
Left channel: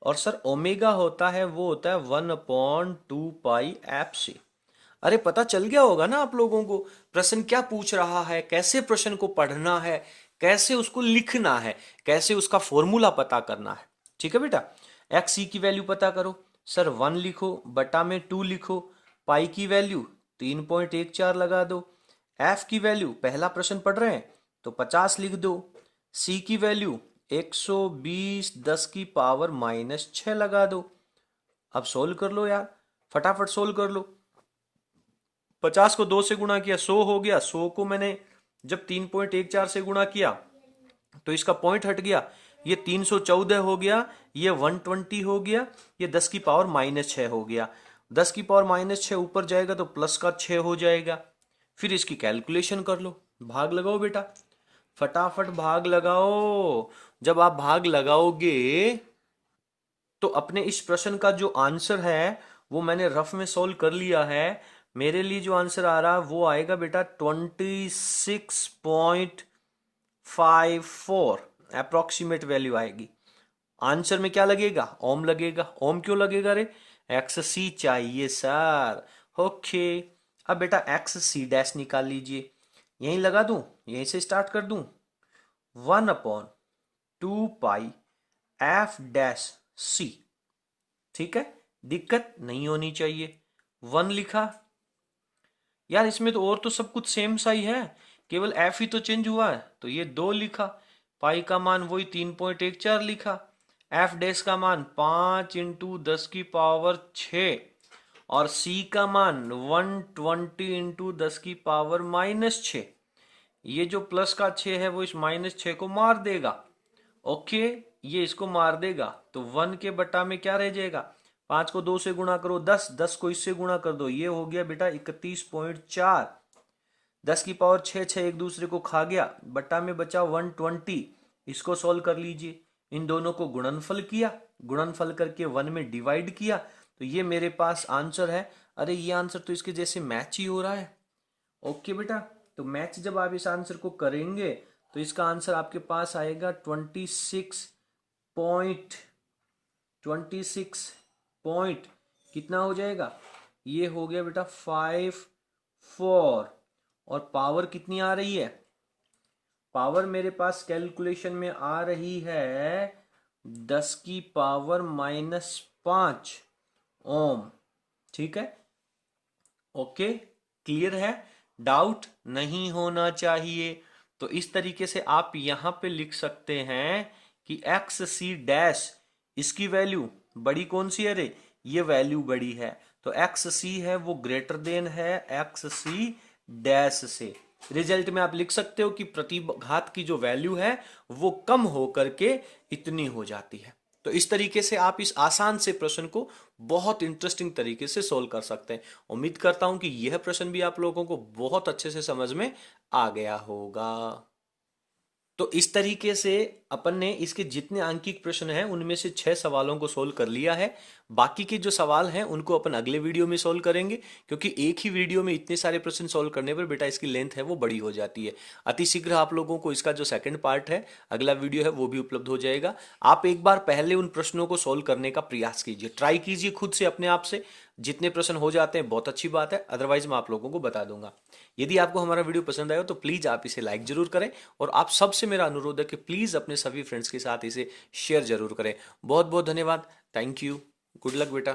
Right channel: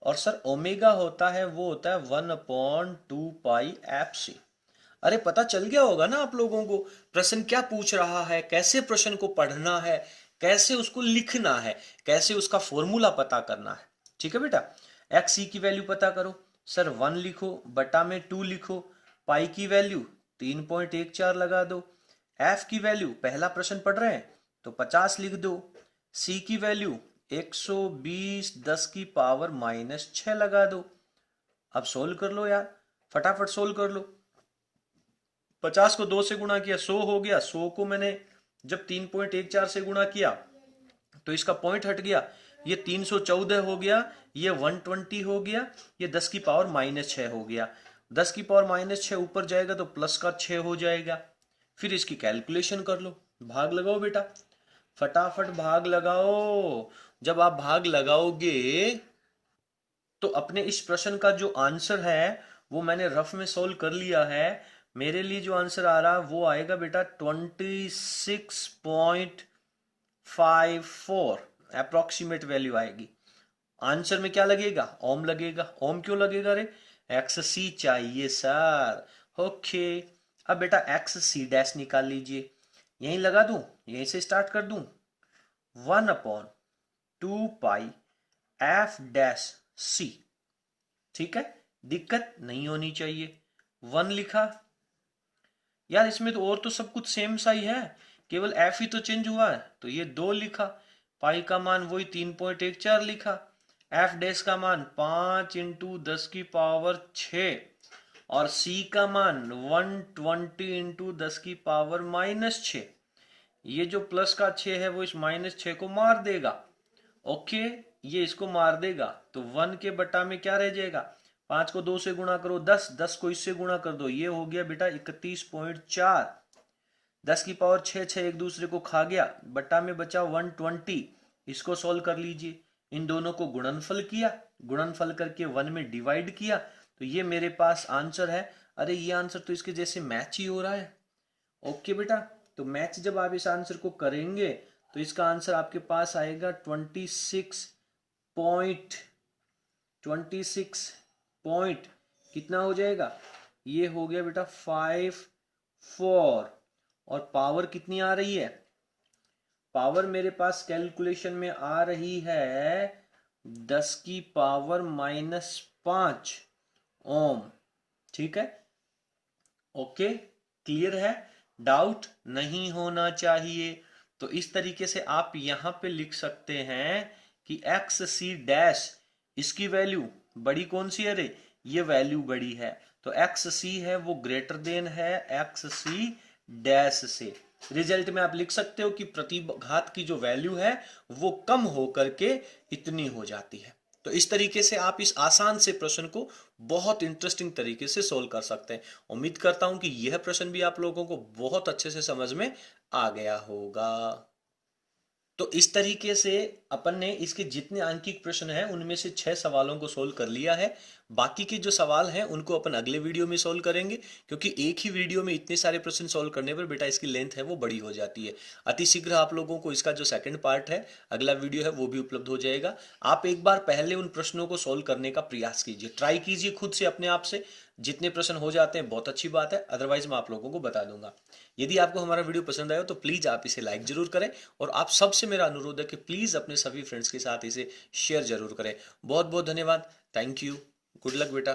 और सर ओमेगा होता है, वो होता है 1/2 पाई एफ सी। अरे पता चल गया होगा ना आप लोगों को प्रश्न क्या पूछ रहा है, कैसे प्रश्न को पढ़ना है, कैसे उसको लिखना है, कैसे उसका फॉर्मूला पता करना है। ठीक है बेटा, एक्स सी की वैल्यू पता करो। सर 1 लिखो बटा में 2 लिखो, पाई की वैल्यू 3.14 लगा दो, एफ की वैल्यू पहला प्रश्न पढ़ रहे हैं तो 50 लिख दो, सी की वैल्यू 120 10 की पावर -6 लगा दो। अब सोल्व कर लो यार, फटाफट सोल्व कर लो। 50 को 2 से गुणा किया 100 हो गया, 100 को मैंने जब 3.14 से गुणा किया तो इसका पॉइंट हट गया, ये 314 हो गया, ये 120 हो गया, ये 10 की पावर -6 हो गया। 10 की पावर -6 ऊपर जाएगा तो प्लस का 6 हो जाएगा। फिर इसकी कैलकुलेशन कर लो, भाग लगाओ बेटा, फटाफट भाग लगाओ। जब आप भाग लगाओगे तो अपने इस प्रश्न का जो आंसर है वो मैंने रफ में सोल्व कर लिया है। मेरे लिए जो आंसर आ रहा है वो आएगा बेटा 26.54 अप्रोक्सीमेट वैल्यू आएगी। आंसर में क्या लगेगा? ओम लगेगा। ओम क्यों लगेगा रे? एक्स सी चाहिए सर। ओके, अब बेटा एक्स सी डैश निकाल लीजिए। यहीं लगा दूं, यहीं से स्टार्ट कर दूं। 1/2 पाई एफ डैश सी। ठीक है, दिक्कत नहीं होनी चाहिए। 1 लिखा यार, इसमें तो और तो सब कुछ सेम सा ही है, केवल एफ ही तो चेंज हुआ है। तो ये 2 लिखा, पाई का मान वही 3.14 लिखा, एफ डैश का मान 5 इंटू 10 की पावर 6 और सी का मान 120 इंटू 10 की पावर -6। ये जो प्लस का 6 है वो इस -6 को मार देगा। ओके, ये इसको मार देगा तो 1 के बटा में क्या रह जाएगा? 5 को 2 से गुणा करो 10, 10 को इससे गुणा कर दो, ये हो गया बेटा 31.4। 10 की पावर 6, 6 एक दूसरे को खा गया, बटा में बचा 120। इसको सॉल्व कर लीजिए, इन दोनों को गुणनफल किया, गुणनफल करके 1 में डिवाइड किया, तो ये मेरे पास आंसर है। अरे ये आंसर तो इसके जैसे मैच ही हो रहा है। ओके बेटा, तो मैच जब आप इस आंसर को करेंगे तो इसका आंसर आपके पास आएगा 26 पॉइंट कितना हो जाएगा? ये हो गया बेटा 54। और पावर कितनी आ रही है? पावर मेरे पास कैलकुलेशन में आ रही है 10 की पावर -5 ओम। ठीक है, ओके, क्लियर है? डाउट नहीं होना चाहिए। तो इस तरीके से आप यहां पे लिख सकते हैं कि एक्स सी डैश, इसकी वैल्यू बड़ी कौन सी है रे? ये वैल्यू बड़ी है, तो एक्स सी है वो ग्रेटर देन है एक्स सी डैश से। रिजल्ट में आप लिख सकते हो कि प्रतिघात की जो वैल्यू है वो कम होकर के इतनी हो जाती है। तो इस तरीके से आप इस आसान से प्रश्न को बहुत इंटरेस्टिंग तरीके से सोल्व कर सकते हैं। उम्मीद करता हूं कि यह प्रश्न भी आप लोगों को बहुत अच्छे से समझ में आ गया होगा। तो इस तरीके से अपन ने इसके जितने आंकिक प्रश्न हैं उनमें से 6 सवालों को सोल्व कर लिया है। बाकी के जो सवाल हैं उनको अपन अगले वीडियो में सोल्व करेंगे, क्योंकि एक ही वीडियो में इतने सारे प्रश्न सोल्व करने पर बेटा इसकी लेंथ है वो बड़ी हो जाती है। अति शीघ्र आप लोगों को इसका जो सेकंड पार्ट है, अगला वीडियो है, वो भी उपलब्ध हो जाएगा। आप एक बार पहले उन प्रश्नों को सोल्व करने का प्रयास कीजिए, ट्राई कीजिए खुद से अपने आप से। जितने प्रश्न हो जाते हैं बहुत अच्छी बात है, अदरवाइज मैं आप लोगों को बता दूंगा। यदि आपको हमारा वीडियो पसंद आया तो प्लीज आप इसे लाइक जरूर करें, और आप सबसे मेरा अनुरोध है कि प्लीज अपने सभी फ्रेंड्स के साथ इसे शेयर जरूर करें। बहुत बहुत धन्यवाद, थैंक यू, गुड लक बेटा।